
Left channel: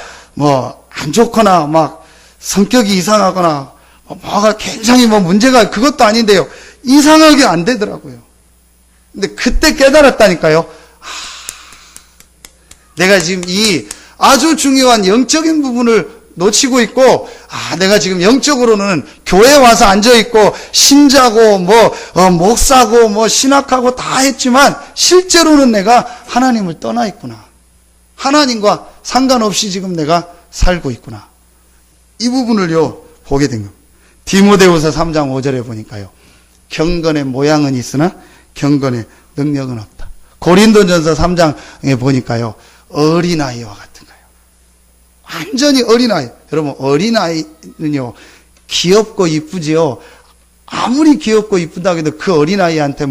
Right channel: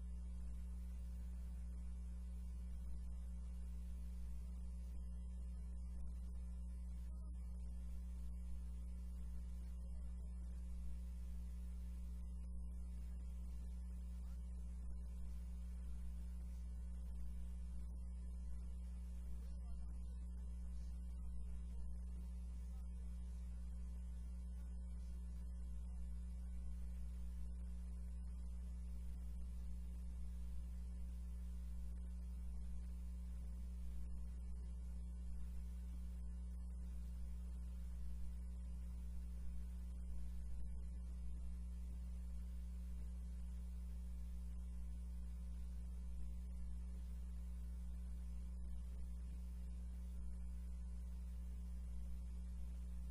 안 좋거나 막 성격이 이상하거나 뭐가 굉장히 문제가 그것도 아닌데요. 이상하게 안 되더라고요. 근데 그때 깨달았다니까요. 내가 지금 이 아주 중요한 영적인 부분을 놓치고 있고, 내가 지금 영적으로는 교회에 와서 앉아있고, 신자고, 목사고, 신학하고 다 했지만, 실제로는 내가 하나님을 떠나 있구나. 하나님과 상관없이 지금 내가 살고 있구나. 이 부분을요, 보게 된 겁니다. 디모데후서 3장 5절에 보니까요, 경건의 모양은 있으나, 경건의 능력은 없다. 고린도전서 3장에 보니까요, 어린아이와 같은 거예요. 완전히 어린아이. 여러분, 어린아이는요, 귀엽고 이쁘지요. 아무리 귀엽고 이쁘다고 해도 그 어린아이한테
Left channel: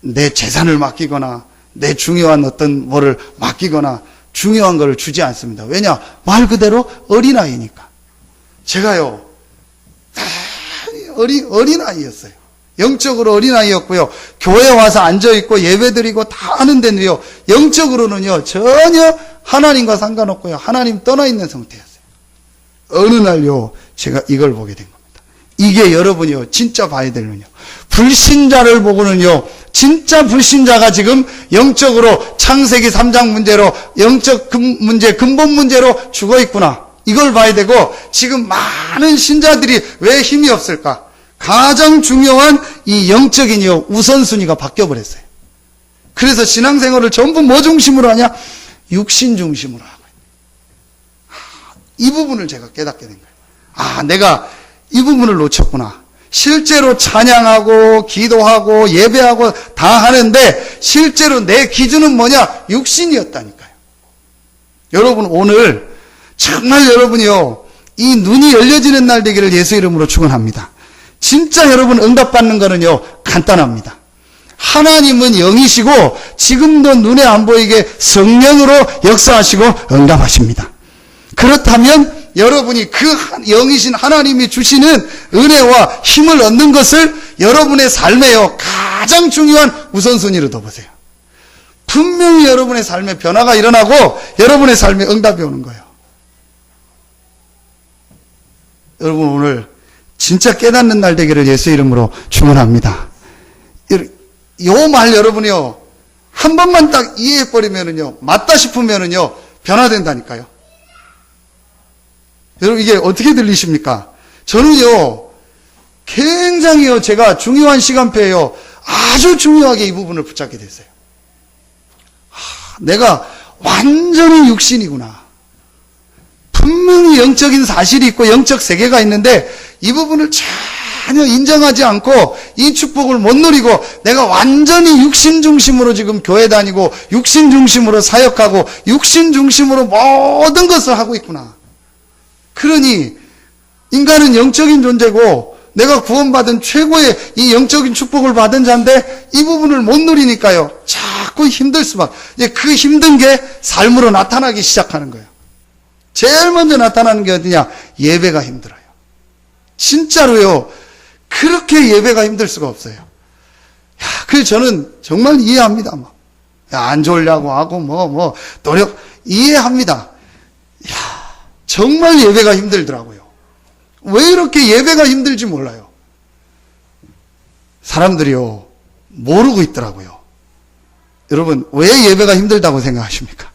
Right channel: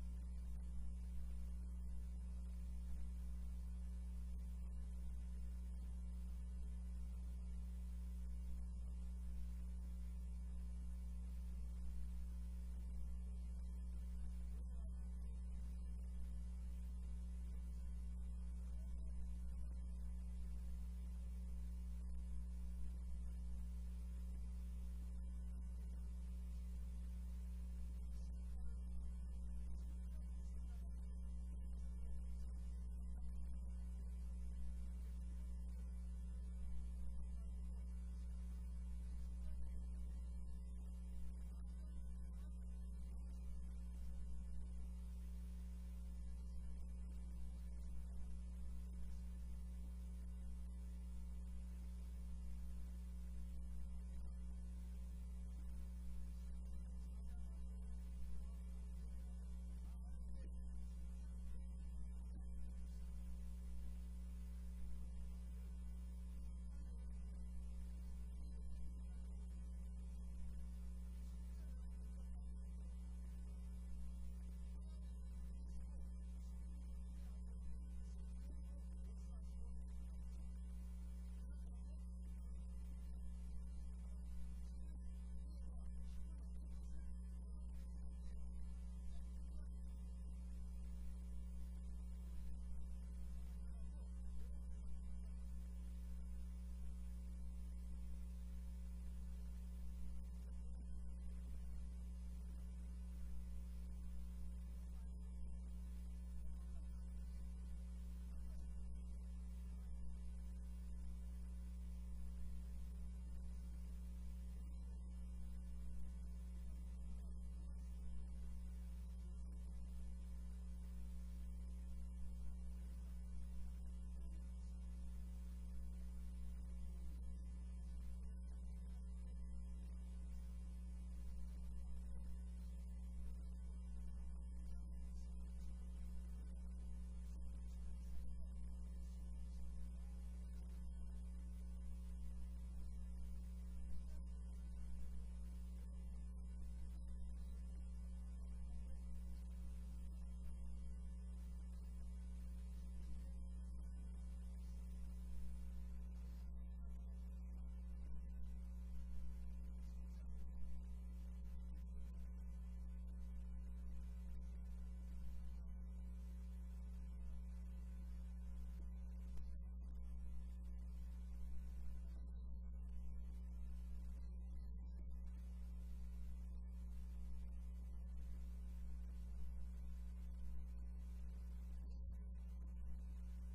내 재산을 맡기거나, 내 중요한 어떤 뭐를 맡기거나, 중요한 거를 주지 않습니다. 왜냐? 말 그대로 어린아이니까. 제가요, 어린아이였어요. 영적으로 어린아이였고요. 교회 와서 앉아있고 예배드리고 다 하는데도요, 영적으로는요, 전혀 하나님과 상관없고요. 하나님 떠나있는 상태였어요. 어느 날요, 제가 이걸 보게 된 겁니다. 이게 여러분이요, 진짜 봐야 되는요. 불신자를 보고는요, 진짜 불신자가 지금 영적으로 창세기 3장 문제로 영적 문제, 근본 문제로 죽어 있구나. 이걸 봐야 되고, 지금 많은 신자들이 왜 힘이 없을까? 가장 중요한 이 영적인요, 우선순위가 바뀌어버렸어요. 그래서 신앙생활을 전부 뭐 중심으로 하냐? 육신 중심으로 하고 있어요. 이 부분을 제가 깨닫게 된 거예요. 내가 이 부분을 놓쳤구나. 실제로 찬양하고 기도하고 예배하고 다 하는데 실제로 내 기준은 뭐냐? 육신이었다니까요. 여러분, 오늘 정말 여러분이요, 이 눈이 열려지는 날 되기를 예수 이름으로 축원합니다. 진짜 여러분 응답받는 거는요, 간단합니다. 하나님은 영이시고 지금도 눈에 안 보이게 성령으로 역사하시고 응답하십니다. 그렇다면 여러분이 그 영이신 하나님이 주시는 은혜와 힘을 얻는 것을 여러분의 삶에요, 가장 중요한 우선순위로 둬보세요. 분명히 여러분의 삶에 변화가 일어나고 여러분의 삶에 응답이 오는 거예요. 여러분, 오늘 진짜 깨닫는 날 되기를 예수 이름으로 축원합니다. 요 말 여러분이요, 한 번만 딱 이해해버리면은요, 맞다 싶으면은요, 변화된다니까요. 여러분, 이게 어떻게 들리십니까? 저는요, 굉장히요, 제가 중요한 시간표에요, 아주 중요하게 이 부분을 붙잡게 됐어요. 내가 완전히 육신이구나. 분명히 영적인 사실이 있고 영적 세계가 있는데 이 부분을 전혀 인정하지 않고 이 축복을 못 누리고 내가 완전히 육신 중심으로 지금 교회 다니고 육신 중심으로 사역하고 육신 중심으로 모든 것을 하고 있구나. 그러니 인간은 영적인 존재고 내가 구원받은 최고의 이 영적인 축복을 받은 자인데 이 부분을 못 누리니까요, 자꾸 힘들 수밖에. 이제 그 힘든 게 삶으로 나타나기 시작하는 거예요. 제일 먼저 나타나는 게 어디냐? 예배가 힘들어요. 진짜로요, 그렇게 예배가 힘들 수가 없어요. 그래서 저는 정말 이해합니다. 안 졸려고 하고 노력 이해합니다. 정말 예배가 힘들더라고요. 왜 이렇게 예배가 힘들지 몰라요. 사람들이요, 모르고 있더라고요. 여러분, 왜 예배가 힘들다고 생각하십니까?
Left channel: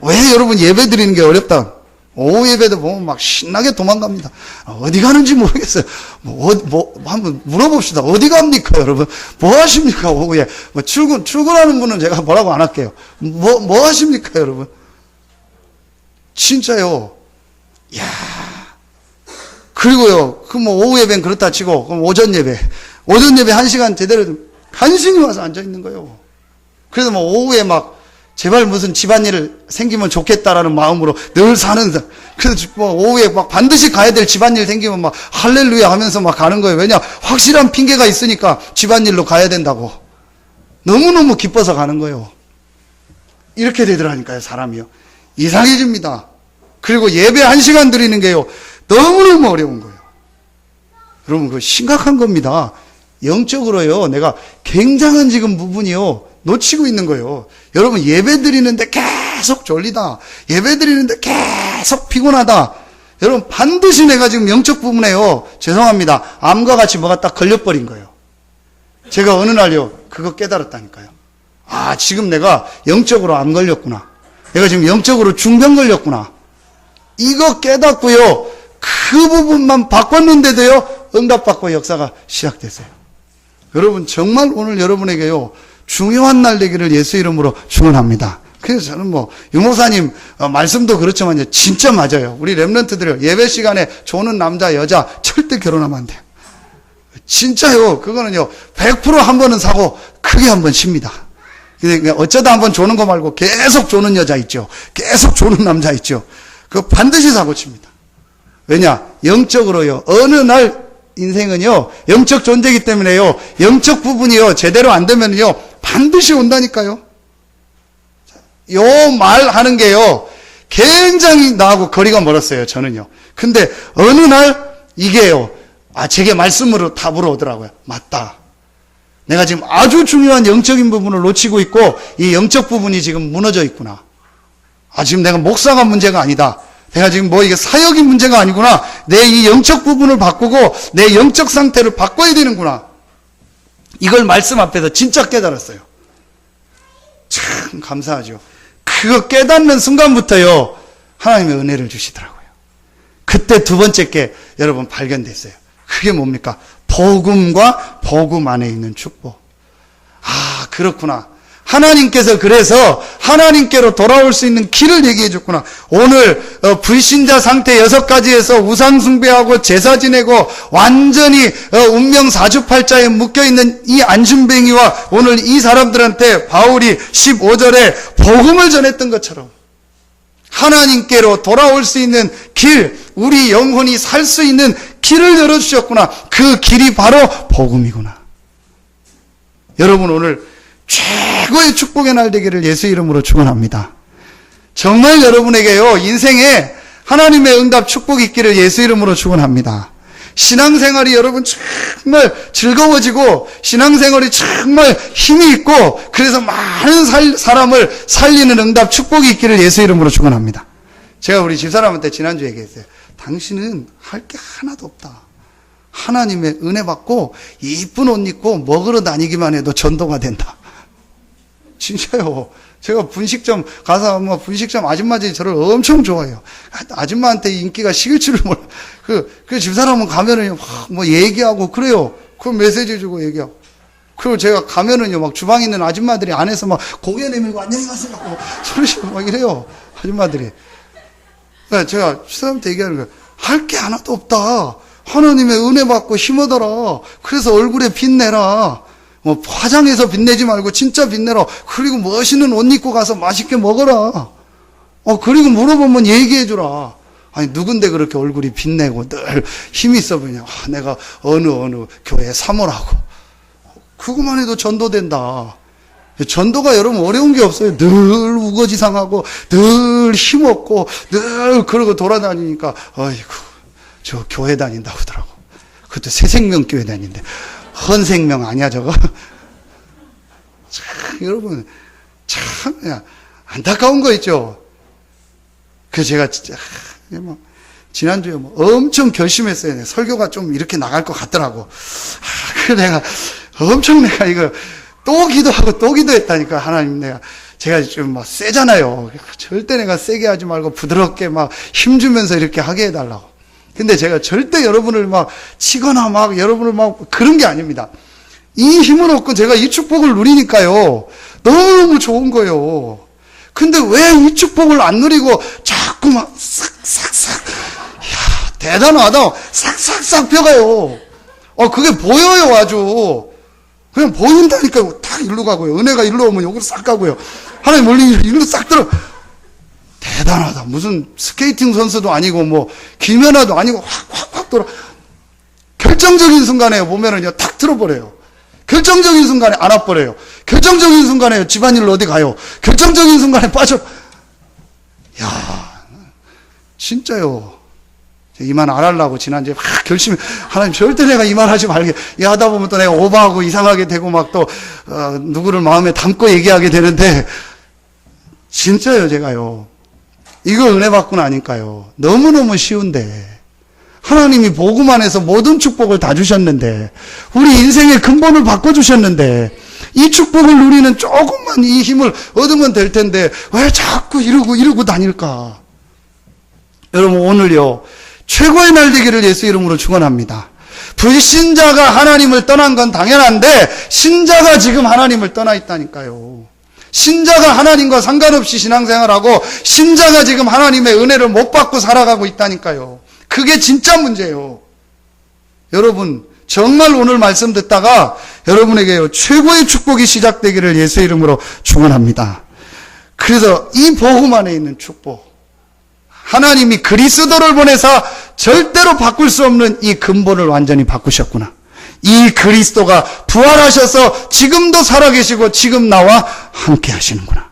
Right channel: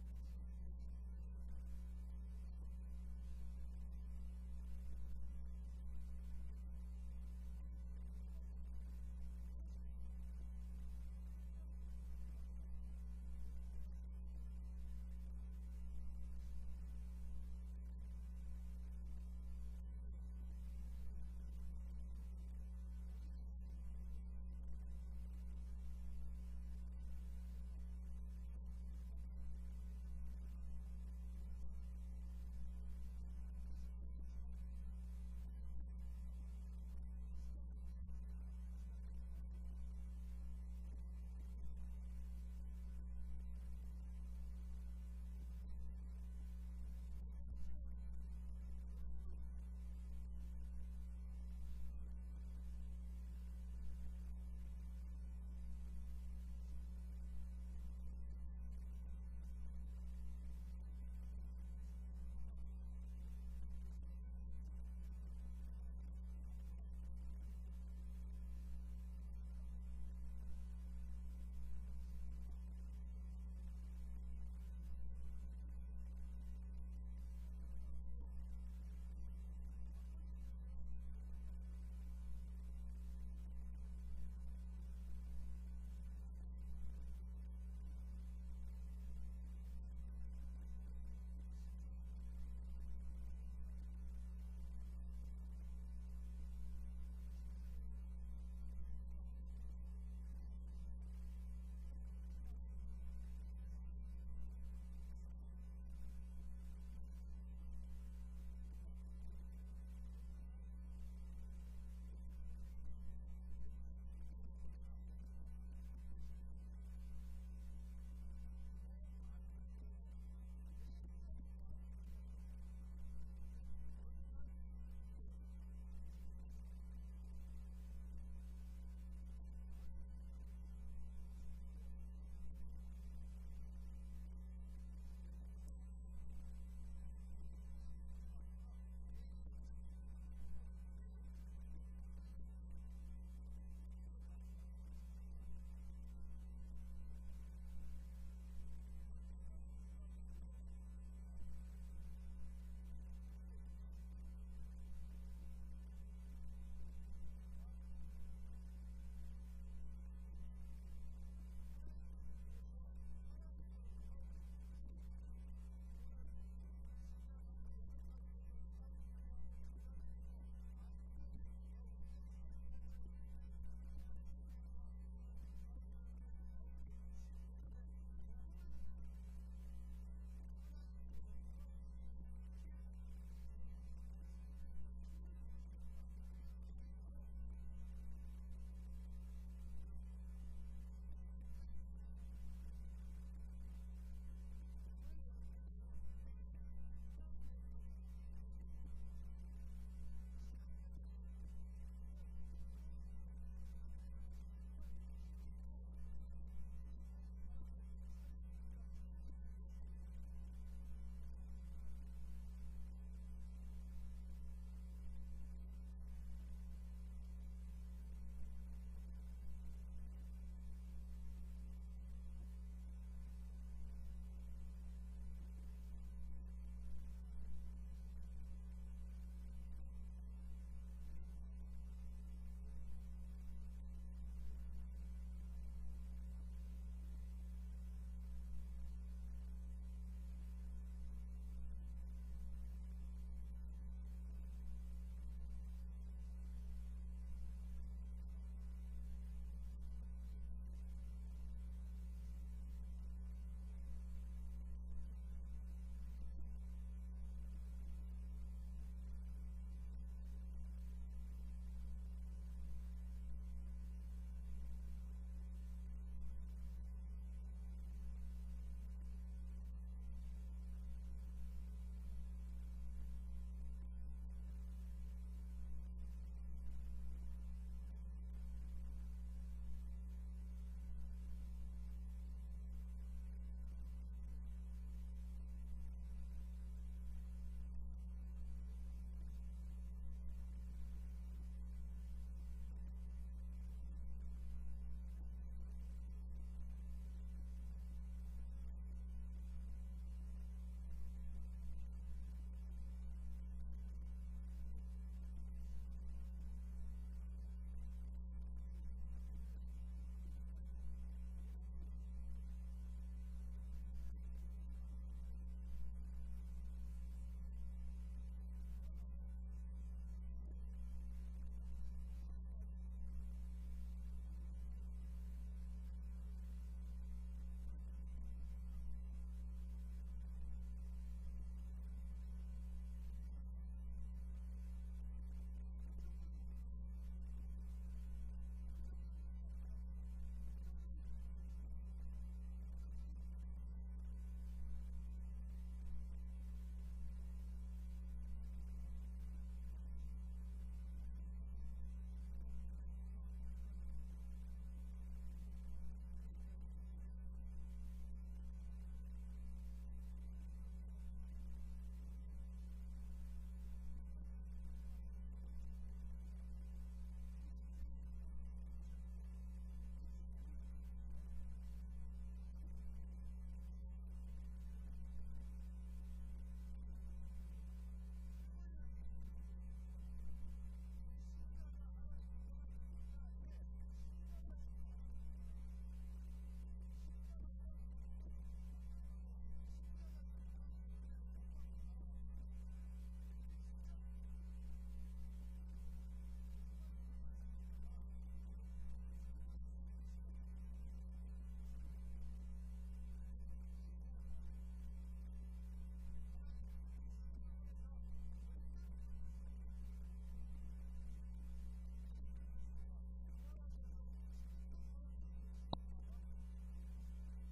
왜 여러분 예배 드리는 게 어렵다? 오후 예배도 보면 막 신나게 도망갑니다. 어디 가는지 모르겠어요. 한번 물어봅시다. 어디 갑니까, 여러분? 뭐 하십니까, 오후에? 출근하는 분은 제가 뭐라고 안 할게요. 뭐 하십니까, 여러분? 진짜요. 그리고요, 오후 예배는 그렇다 치고, 그럼 오전 예배 1시간 제대로 간신히 와서 앉아있는 거예요. 그래서 오후에 제발 무슨 집안일 생기면 좋겠다라는 마음으로 늘 사는 사람. 그래서 오후에 반드시 가야 될 집안일 생기면 할렐루야 하면서 가는 거예요. 왜냐? 확실한 핑계가 있으니까 집안일로 가야 된다고. 너무너무 기뻐서 가는 거예요. 이렇게 되더라니까요, 사람이요. 이상해집니다. 그리고 예배 1시간 드리는 게요, 너무너무 어려운 거예요. 여러분, 그거 심각한 겁니다. 영적으로요, 내가 굉장한 지금 부분이요, 놓치고 있는 거예요. 여러분, 예배 드리는데 계속 졸리다. 예배 드리는데 계속 피곤하다. 여러분, 반드시 내가 지금 영적 부분에요, 죄송합니다, 암과 같이 뭐가 딱 걸려버린 거예요. 제가 어느 날요, 그거 깨달았다니까요. 지금 내가 영적으로 암 걸렸구나. 내가 지금 영적으로 중병 걸렸구나. 이거 깨닫고요, 그 부분만 바꿨는데도요, 응답받고 역사가 시작됐어요. 여러분, 정말 오늘 여러분에게요, 중요한 날 되기를 예수 이름으로 축원합니다. 그래서 저는 유목사님 말씀도 그렇지만요, 진짜 맞아요. 우리 렘넌트들 예배 시간에 조는 남자 여자 절대 결혼하면 안 돼요. 진짜요. 그거는요, 100% 한 번은 사고 크게 한 번 칩니다. 근데 어쩌다 한 번 조는 거 말고 계속 조는 여자 있죠, 계속 조는 남자 있죠, 그거 반드시 사고 칩니다. 왜냐? 영적으로요, 어느 날 인생은요, 영적 존재이기 때문에요, 영적 부분이요, 제대로 안 되면요, 반드시 온다니까요. 요 말 하는 게요, 굉장히 나하고 거리가 멀었어요, 저는요. 근데 어느 날 이게요, 제게 말씀으로 답으로 오더라고요. 맞다. 내가 지금 아주 중요한 영적인 부분을 놓치고 있고 이 영적 부분이 지금 무너져 있구나. 지금 내가 목사가 문제가 아니다. 내가 지금 이게 사역이 문제가 아니구나. 내 이 영적 부분을 바꾸고 내 영적 상태를 바꿔야 되는구나. 이걸 말씀 앞에서 진짜 깨달았어요. 참 감사하죠. 그거 깨닫는 순간부터요, 하나님의 은혜를 주시더라고요. 그때 두 번째 게 여러분 발견됐어요. 그게 뭡니까? 복음과 복음 안에 있는 축복. 그렇구나. 하나님께서 그래서 하나님께로 돌아올 수 있는 길을 얘기해 줬구나. 오늘 불신자 상태 6가지에서 우상 숭배하고 제사 지내고 완전히 운명 사주팔자에 묶여있는 이 안심뱅이와 오늘 이 사람들한테 바울이 15절에 복음을 전했던 것처럼 하나님께로 돌아올 수 있는 길, 우리 영혼이 살 수 있는 길을 열어주셨구나. 그 길이 바로 복음이구나. 여러분, 오늘 최고의 축복의 날 되기를 예수 이름으로 축원합니다. 정말 여러분에게요, 인생에 하나님의 응답 축복이 있기를 예수 이름으로 축원합니다. 신앙생활이 여러분 정말 즐거워지고 신앙생활이 정말 힘이 있고 그래서 많은 사람을 살리는 응답 축복이 있기를 예수 이름으로 축원합니다. 제가 우리 집사람한테 지난주에 얘기했어요. 당신은 할 게 하나도 없다. 하나님의 은혜 받고 이쁜 옷 입고 먹으러 다니기만 해도 전도가 된다. 진짜요. 제가 분식점 가서 분식점 아줌마들이 저를 엄청 좋아해요. 아줌마한테 인기가 식을 줄을 몰라. 그 집사람은 가면은 얘기하고 그래요. 그 메시지 주고 얘기하고. 그리고 제가 가면은요, 주방에 있는 아줌마들이 안에서 고개 내밀고 안녕하세요 하고 소리치고 이래요. 아줌마들이. 제가 집사람한테 얘기하는 거예요. 할 게 하나도 없다. 하나님의 은혜 받고 힘 얻어라. 그래서 얼굴에 빛내라. 화장해서 빛내지 말고 진짜 빛내라. 그리고 멋있는 옷 입고 가서 맛있게 먹어라. 그리고 물어보면 얘기해주라. 누군데 그렇게 얼굴이 빛내고 늘 힘이 있어 보이냐. 내가 어느 교회 사모라고. 그것만 해도 전도된다. 전도가 여러분 어려운 게 없어요. 늘 우거지상하고 늘 힘없고 늘 그러고 돌아다니니까 어이구 저 교회 다닌다고 하더라고. 그것도 새생명교회 다닌데 헌생명 아니야 저거? 참 여러분 참 안타까운 거 있죠. 그래서 제가 진짜 지난주에 엄청 결심했어요. 설교가 좀 이렇게 나갈 것 같더라고. 그래서 내가 엄청 이거 또 기도하고 또 기도했다니까. 하나님 제가 좀 세잖아요. 절대 내가 세게 하지 말고 부드럽게 힘주면서 이렇게 하게 해달라고. 근데 제가 절대 여러분을 치거나 여러분을 그런 게 아닙니다. 이 힘을 얻고 제가 이 축복을 누리니까요. 너무너무 좋은 거예요. 근데 왜 이 축복을 안 누리고 자꾸 싹싹싹. 이야, 대단하다. 싹싹싹 펴가요. 그게 보여요, 아주. 그냥 보인다니까요. 딱 일로 가고요. 은혜가 일로 오면 여기로 싹 가고요. 하나님 멀리 일로 싹 들어. 대단하다. 무슨 스케이팅 선수도 아니고 김연아도 아니고 확 돌아. 결정적인 순간에 보면은요, 탁 틀어버려요. 결정적인 순간에 안 와버려요. 결정적인 순간에 집안일로 어디 가요. 결정적인 순간에 빠져. 야, 진짜요. 이 말 안 하려고 지난주에 결심히, 하나님 절대 내가 이 말 하지 말게. 하다 보면 또 내가 오버하고 이상하게 되고 누구를 마음에 담고 얘기하게 되는데, 진짜요, 제가요. 이거 은혜 받고 나니까요. 너무너무 쉬운데. 하나님이 복음 안에서 모든 축복을 다 주셨는데, 우리 인생의 근본을 바꿔주셨는데, 이 축복을 누리는 조금만 이 힘을 얻으면 될 텐데, 왜 자꾸 이러고 다닐까? 여러분, 오늘요, 최고의 날 되기를 예수 이름으로 축원합니다. 불신자가 하나님을 떠난 건 당연한데, 신자가 지금 하나님을 떠나 있다니까요. 신자가 하나님과 상관없이 신앙생활하고, 신자가 지금 하나님의 은혜를 못 받고 살아가고 있다니까요. 그게 진짜 문제예요. 여러분, 정말 오늘 말씀 듣다가 여러분에게 최고의 축복이 시작되기를 예수 이름으로 축원합니다. 그래서 이 복음 안에 있는 축복, 하나님이 그리스도를 보내사 절대로 바꿀 수 없는 이 근본을 완전히 바꾸셨구나. 이 그리스도가 부활하셔서 지금도 살아계시고 지금 나와 함께 하시는구나.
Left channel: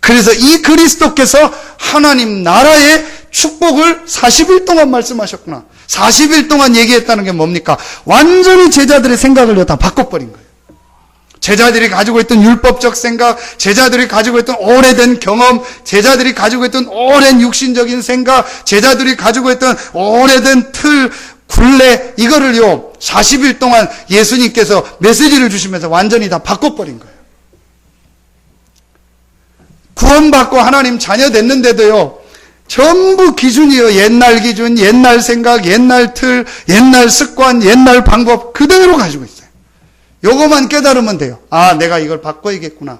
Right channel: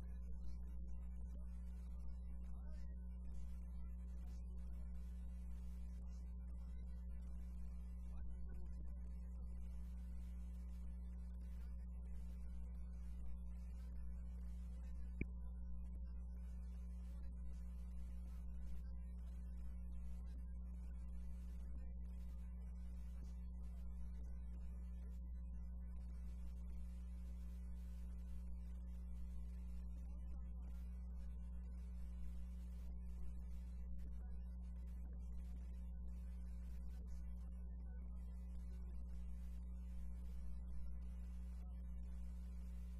그래서 이 그리스도께서 하나님 나라의 축복을 40일 동안 말씀하셨구나. 40일 동안 얘기했다는 게 뭡니까? 완전히 제자들의 생각을 다 바꿔버린 거예요. 제자들이 가지고 있던 율법적 생각, 제자들이 가지고 있던 오래된 경험, 제자들이 가지고 있던 오랜 육신적인 생각, 제자들이 가지고 있던 오래된 틀, 굴레, 이거를요 40일 동안 예수님께서 메시지를 주시면서 완전히 다 바꿔버린 거예요. 구원받고 하나님 자녀 됐는데도요 전부 기준이요. 옛날 기준, 옛날 생각, 옛날 틀, 옛날 습관, 옛날 방법 그대로 가지고 있어요. 요거만 깨달으면 돼요. 아, 내가 이걸 바꿔야겠구나.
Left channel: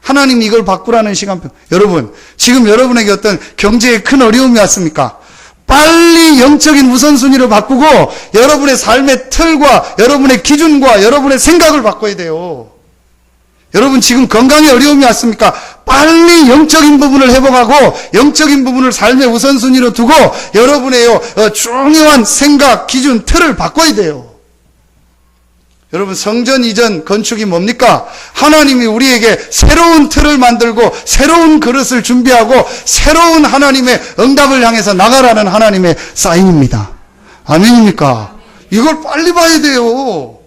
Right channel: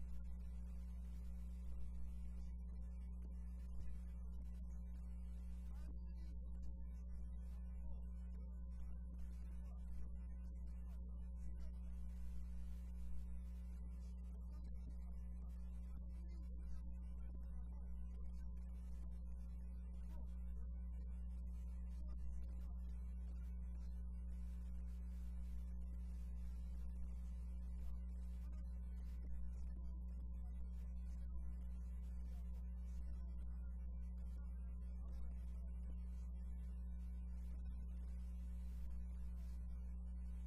하나님 이걸 바꾸라는 시간표. 여러분, 지금 여러분에게 어떤 경제에 큰 어려움이 왔습니까? 빨리 영적인 우선순위를 바꾸고 여러분의 삶의 틀과 여러분의 기준과 여러분의 생각을 바꿔야 돼요. 여러분 지금 건강에 어려움이 왔습니까? 빨리 영적인 부분을 회복하고 영적인 부분을 삶의 우선순위로 두고 여러분의 중요한 생각, 기준, 틀을 바꿔야 돼요. 여러분 성전 이전 건축이 뭡니까? 하나님이 우리에게 새로운 틀을 만들고 새로운 그릇을 준비하고 새로운 하나님의 응답을 향해서 나가라는 하나님의 사인입니다. 아멘입니까? 이걸 빨리 봐야 돼요.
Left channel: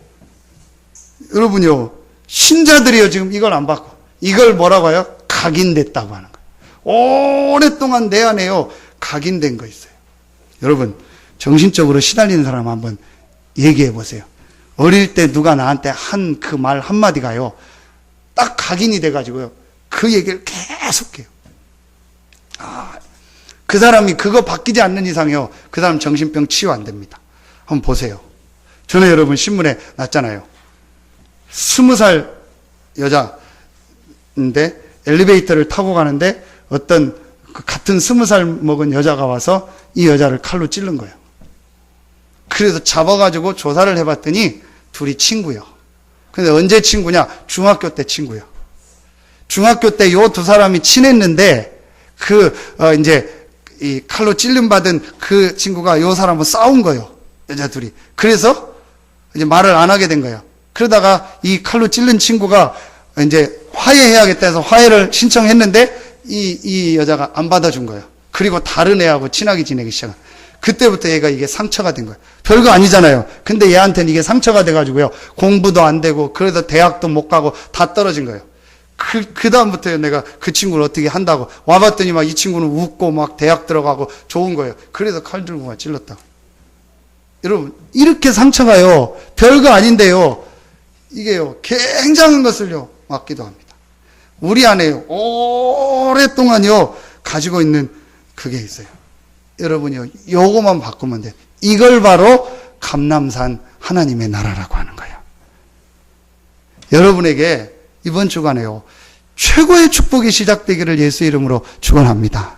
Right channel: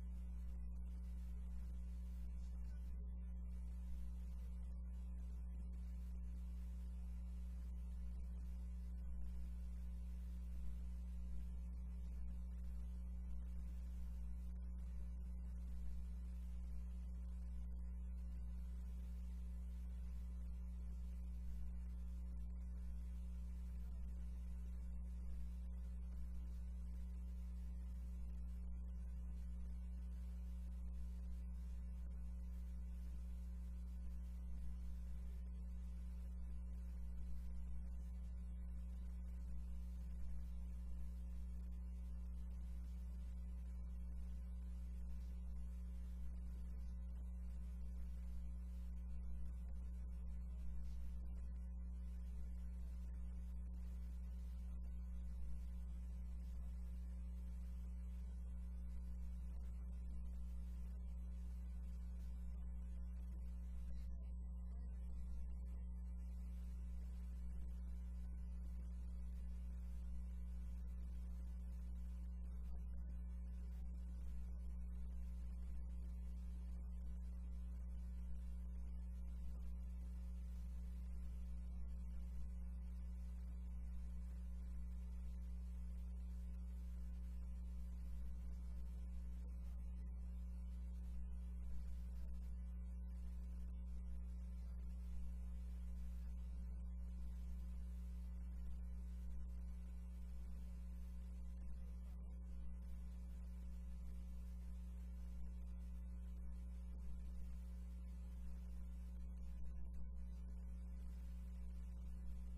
여러분요 신자들이요 지금 이걸 안 받고 이걸 뭐라고 해요? 각인됐다고 하는 거예요. 오랫동안 내 안에요 각인된 거 있어요. 여러분 정신적으로 시달리는 사람 한번 얘기해 보세요. 어릴 때 누가 나한테 한 그 말 한마디가요 딱 각인이 돼가지고요 그 얘기를 계속해요. 그 사람이 그거 바뀌지 않는 이상요 그 사람 정신병 치유 안 됩니다. 한번 보세요. 전에 여러분 신문에 났잖아요. 20살 여자인데 엘리베이터를 타고 가는데 어떤 같은 20살 먹은 여자가 와서 이 여자를 칼로 찌른 거예요. 그래서 잡아가지고 조사를 해봤더니 둘이 친구요. 근데 언제 친구냐? 중학교 때 친구요. 중학교 때 요 두 사람이 친했는데 이제 이 칼로 찔림 받은 그 친구가 요 사람하고 싸운 거예요. 여자 둘이. 그래서 이제 말을 안 하게 된 거예요. 그러다가 이 칼로 찔른 친구가 이제 화해해야겠다 해서 화해를 신청했는데 이 여자가 안 받아준 거예요. 그리고 다른 애하고 친하게 지내기 시작한. 그때부터 얘가 이게 상처가 된 거예요. 별거 아니잖아요. 근데 얘한테는 이게 상처가 돼가지고요. 공부도 안 되고 그래서 대학도 못 가고 다 떨어진 거예요. 그 다음부터 내가 그 친구를 어떻게 한다고 와봤더니 막 이 친구는 웃고 막 대학 들어가고 좋은 거예요. 그래서 칼 들고 막 찔렀다고. 여러분 이렇게 상처가요 별거 아닌데요 이게요 굉장한 것을요 맡기도 합니다. 우리 안에요 오랫동안요 가지고 있는 그게 있어요. 여러분이요 요거만 바꾸면 돼요. 이걸 바로 감람산 하나님의 나라라고 하는 거예요. 여러분에게 이번 주간에요 최고의 축복이 시작되기를 예수 이름으로 축원합니다.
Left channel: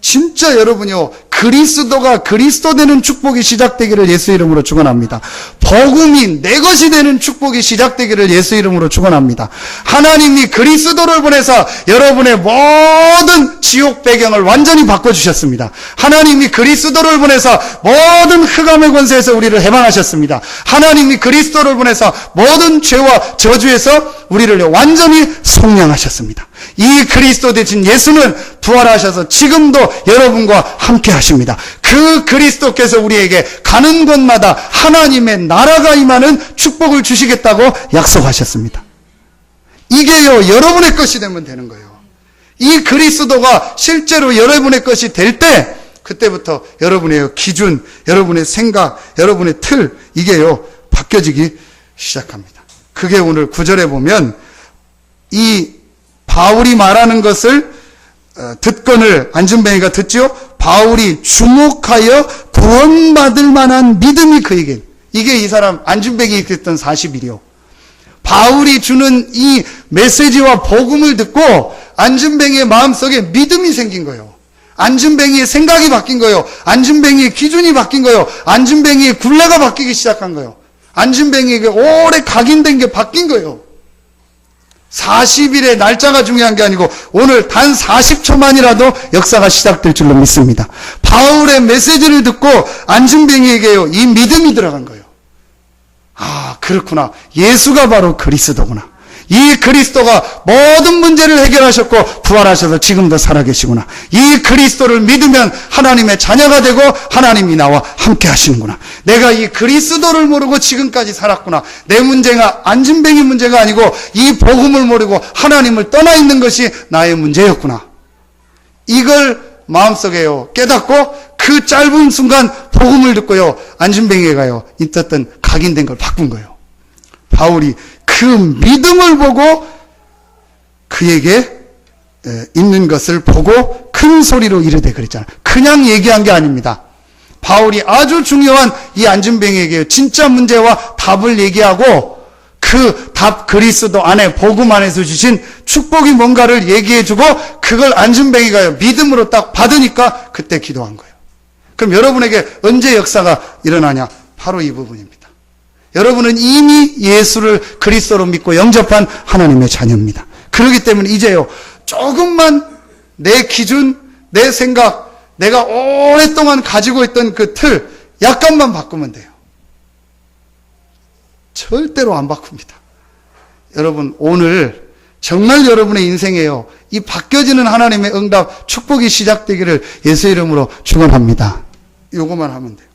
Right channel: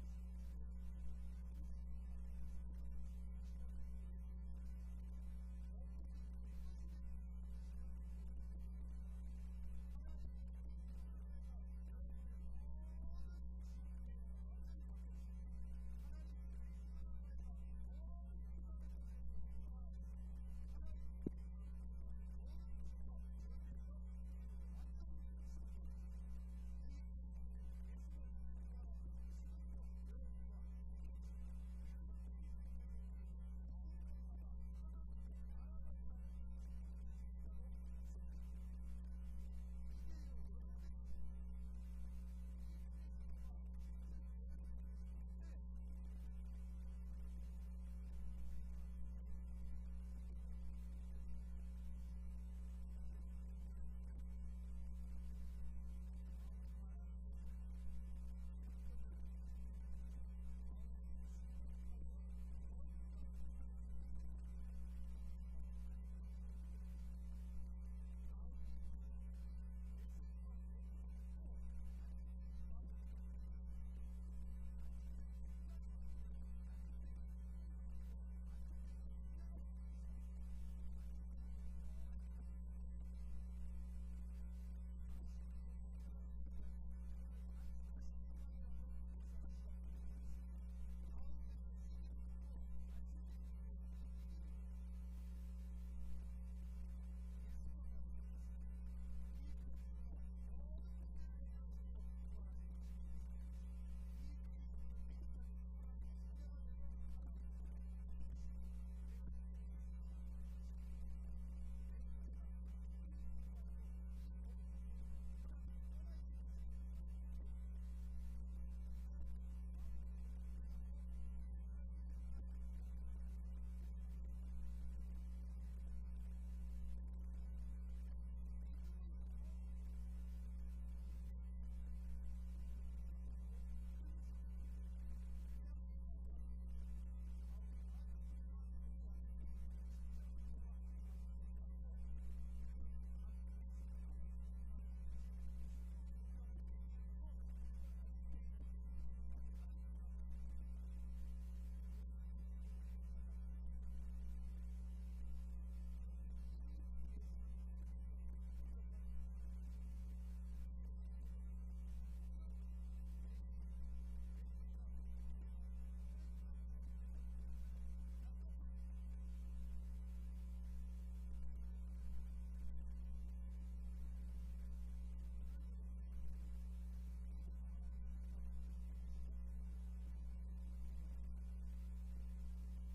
진짜 여러분요 그리스도가 그리스도 되는 축복이 시작되기를 예수 이름으로 축원합니다. 복음이 내 것이 되는 축복이 시작되기를 예수 이름으로 축원합니다. 하나님이 그리스도를 보내서 여러분의 모든 지옥 배경을 완전히 바꿔주셨습니다. 하나님이 그리스도를 보내서 모든 흑암의 권세에서 우리를 해방하셨습니다. 하나님이 그리스도를 보내서 모든 죄와 저주에서 우리를 완전히 속량하셨습니다. 이 그리스도 대신 예수는 부활하셔서 지금도 여러분과 함께 하십니다. 그 그리스도께서 우리에게 가는 곳마다 하나님의 나라가 임하는 축복을 주시겠다고 약속하셨습니다. 이게요 여러분의 것이 되면 되는 거예요. 이 그리스도가 실제로 여러분의 것이 될 때 그때부터 여러분의 기준, 여러분의 생각, 여러분의 틀 이게요 바뀌어지기 시작합니다. 그게 오늘 9절에 보면 이 바울이 말하는 것을 듣건을 안준뱅이가 듣지요. 바울이 주목하여 구원받을 만한 믿음이 그에게. 이게 이 사람 안준뱅이 그랬던 40일이요. 바울이 주는 이 메시지와 복음을 듣고 안준뱅이의 마음속에 믿음이 생긴 거예요. 안준뱅이의 생각이 바뀐 거예요. 안준뱅이의 기준이 바뀐 거예요. 안준뱅이의 굴레가 바뀌기 시작한 거예요. 안준뱅이에게 오래 각인된 게 바뀐 거예요. 40일의 날짜가 중요한 게 아니고 오늘 단 40초만이라도 역사가 시작될 줄로 믿습니다. 바울의 메시지를 듣고 안준뱅이에게요 이 믿음이 들어간 거예요. 아 그렇구나. 예수가 바로 그리스도구나. 이 그리스도가 모든 문제를 해결하셨고 부활하셔서 지금도 살아계시구나. 이 그리스도를 믿으면 하나님의 자녀가 되고 하나님이 나와 함께 하시는구나. 내가 이 그리스도를 모르고 지금까지 살았구나. 내 문제가 안진뱅이 문제가 아니고 이 복음을 모르고 하나님을 떠나 있는 것이 나의 문제였구나. 이걸 마음속에요 깨닫고 그 짧은 순간 복음을 듣고요 안진뱅이가요 있었던 각인된 걸 바꾼 거예요. 바울이 그 믿음을 보고 그에게 있는 것을 보고 큰 소리로 이르되 그랬잖아요. 그냥 얘기한 게 아닙니다. 바울이 아주 중요한 이 안진뱅이에게 진짜 문제와 답을 얘기하고 그 답 그리스도 안에 복음 안에서 주신 축복이 뭔가를 얘기해주고 그걸 안진뱅이가 믿음으로 딱 받으니까 그때 기도한 거예요. 그럼 여러분에게 언제 역사가 일어나냐? 바로 이 부분입니다. 여러분은 이미 예수를 그리스도로 믿고 영접한 하나님의 자녀입니다. 그렇기 때문에 이제요 조금만 내 기준, 내 생각, 내가 오랫동안 가지고 있던 그 틀 약간만 바꾸면 돼요. 절대로 안 바꿉니다. 여러분 오늘 정말 여러분의 인생에요 이 바뀌어지는 하나님의 응답 축복이 시작되기를 예수 이름으로 축원합니다. 요거만 하면 돼요.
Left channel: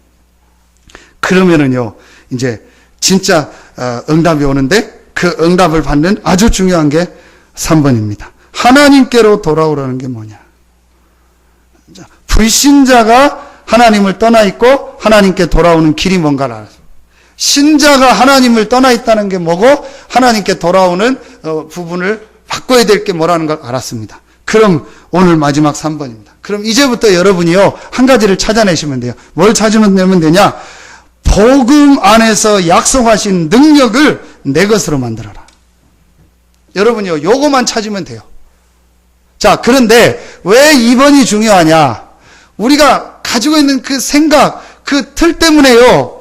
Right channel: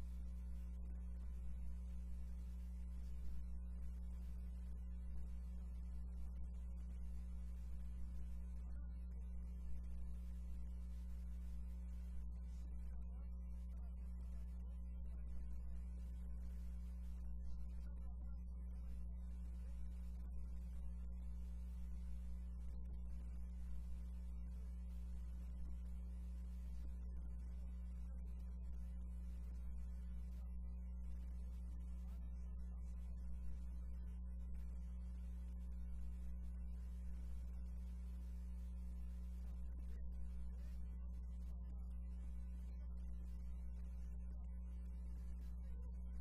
그러면은요 이제 진짜 응답이 오는데 그 응답을 받는 아주 중요한 게 3번입니다. 하나님께로 돌아오라는 게 뭐냐? 불신자가 하나님을 떠나 있고 하나님께 돌아오는 길이 뭔가를 알아요. 신자가 하나님을 떠나 있다는 게 뭐고 하나님께 돌아오는 부분을 바꿔야 될 게 뭐라는 걸 알았습니다. 그럼 오늘 마지막 3번입니다. 그럼 이제부터 여러분이요 한 가지를 찾아내시면 돼요. 뭘 찾으면 되냐? 복음 안에서 약속하신 능력을 내 것으로 만들어라. 여러분이요 요거만 찾으면 돼요. 자, 그런데 왜 2번이 중요하냐? 우리가 가지고 있는 그 생각, 그 틀 때문에요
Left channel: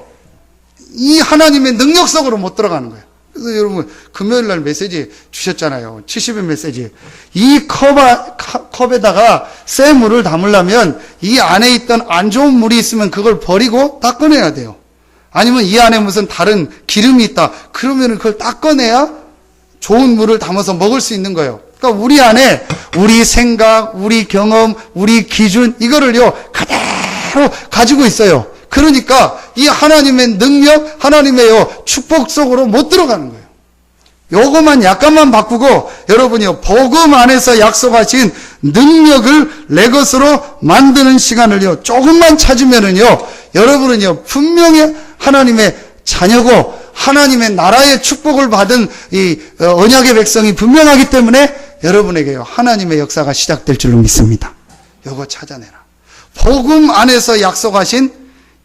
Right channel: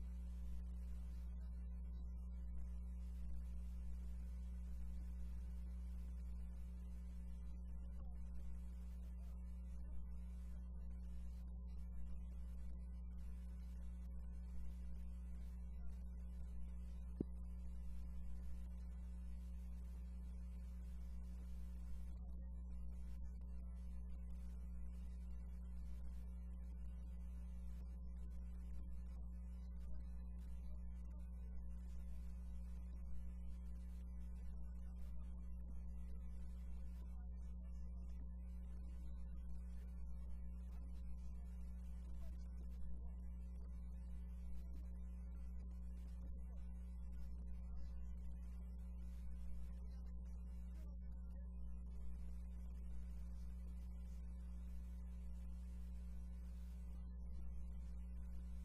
이 하나님의 능력 속으로 못 들어가는 거예요. 그래서 여러분 금요일 날 메시지 주셨잖아요. 70의 메시지. 이 컵에다가 새 물을 담으려면 이 안에 있던 안 좋은 물이 있으면 그걸 버리고 닦아내야 돼요. 아니면 이 안에 무슨 다른 기름이 있다. 그러면 그걸 닦아내야 좋은 물을 담아서 먹을 수 있는 거예요. 그러니까 우리 안에 우리 생각, 우리 경험, 우리 기준 이거를요 그대로 가지고 있어요. 그러니까 이 하나님의 능력, 하나님의 축복 속으로 못 들어가는 거예요. 요거만 약간만 바꾸고 여러분이요 복음 안에서 약속하신 능력을 내 것으로 만드는 시간을요 조금만 찾으면은요 여러분은요 분명히 하나님의 자녀고 하나님의 나라의 축복을 받은 이 언약의 백성이 분명하기 때문에 여러분에게요 하나님의 역사가 시작될 줄로 믿습니다. 요거 찾아내라. 복음 안에서 약속하신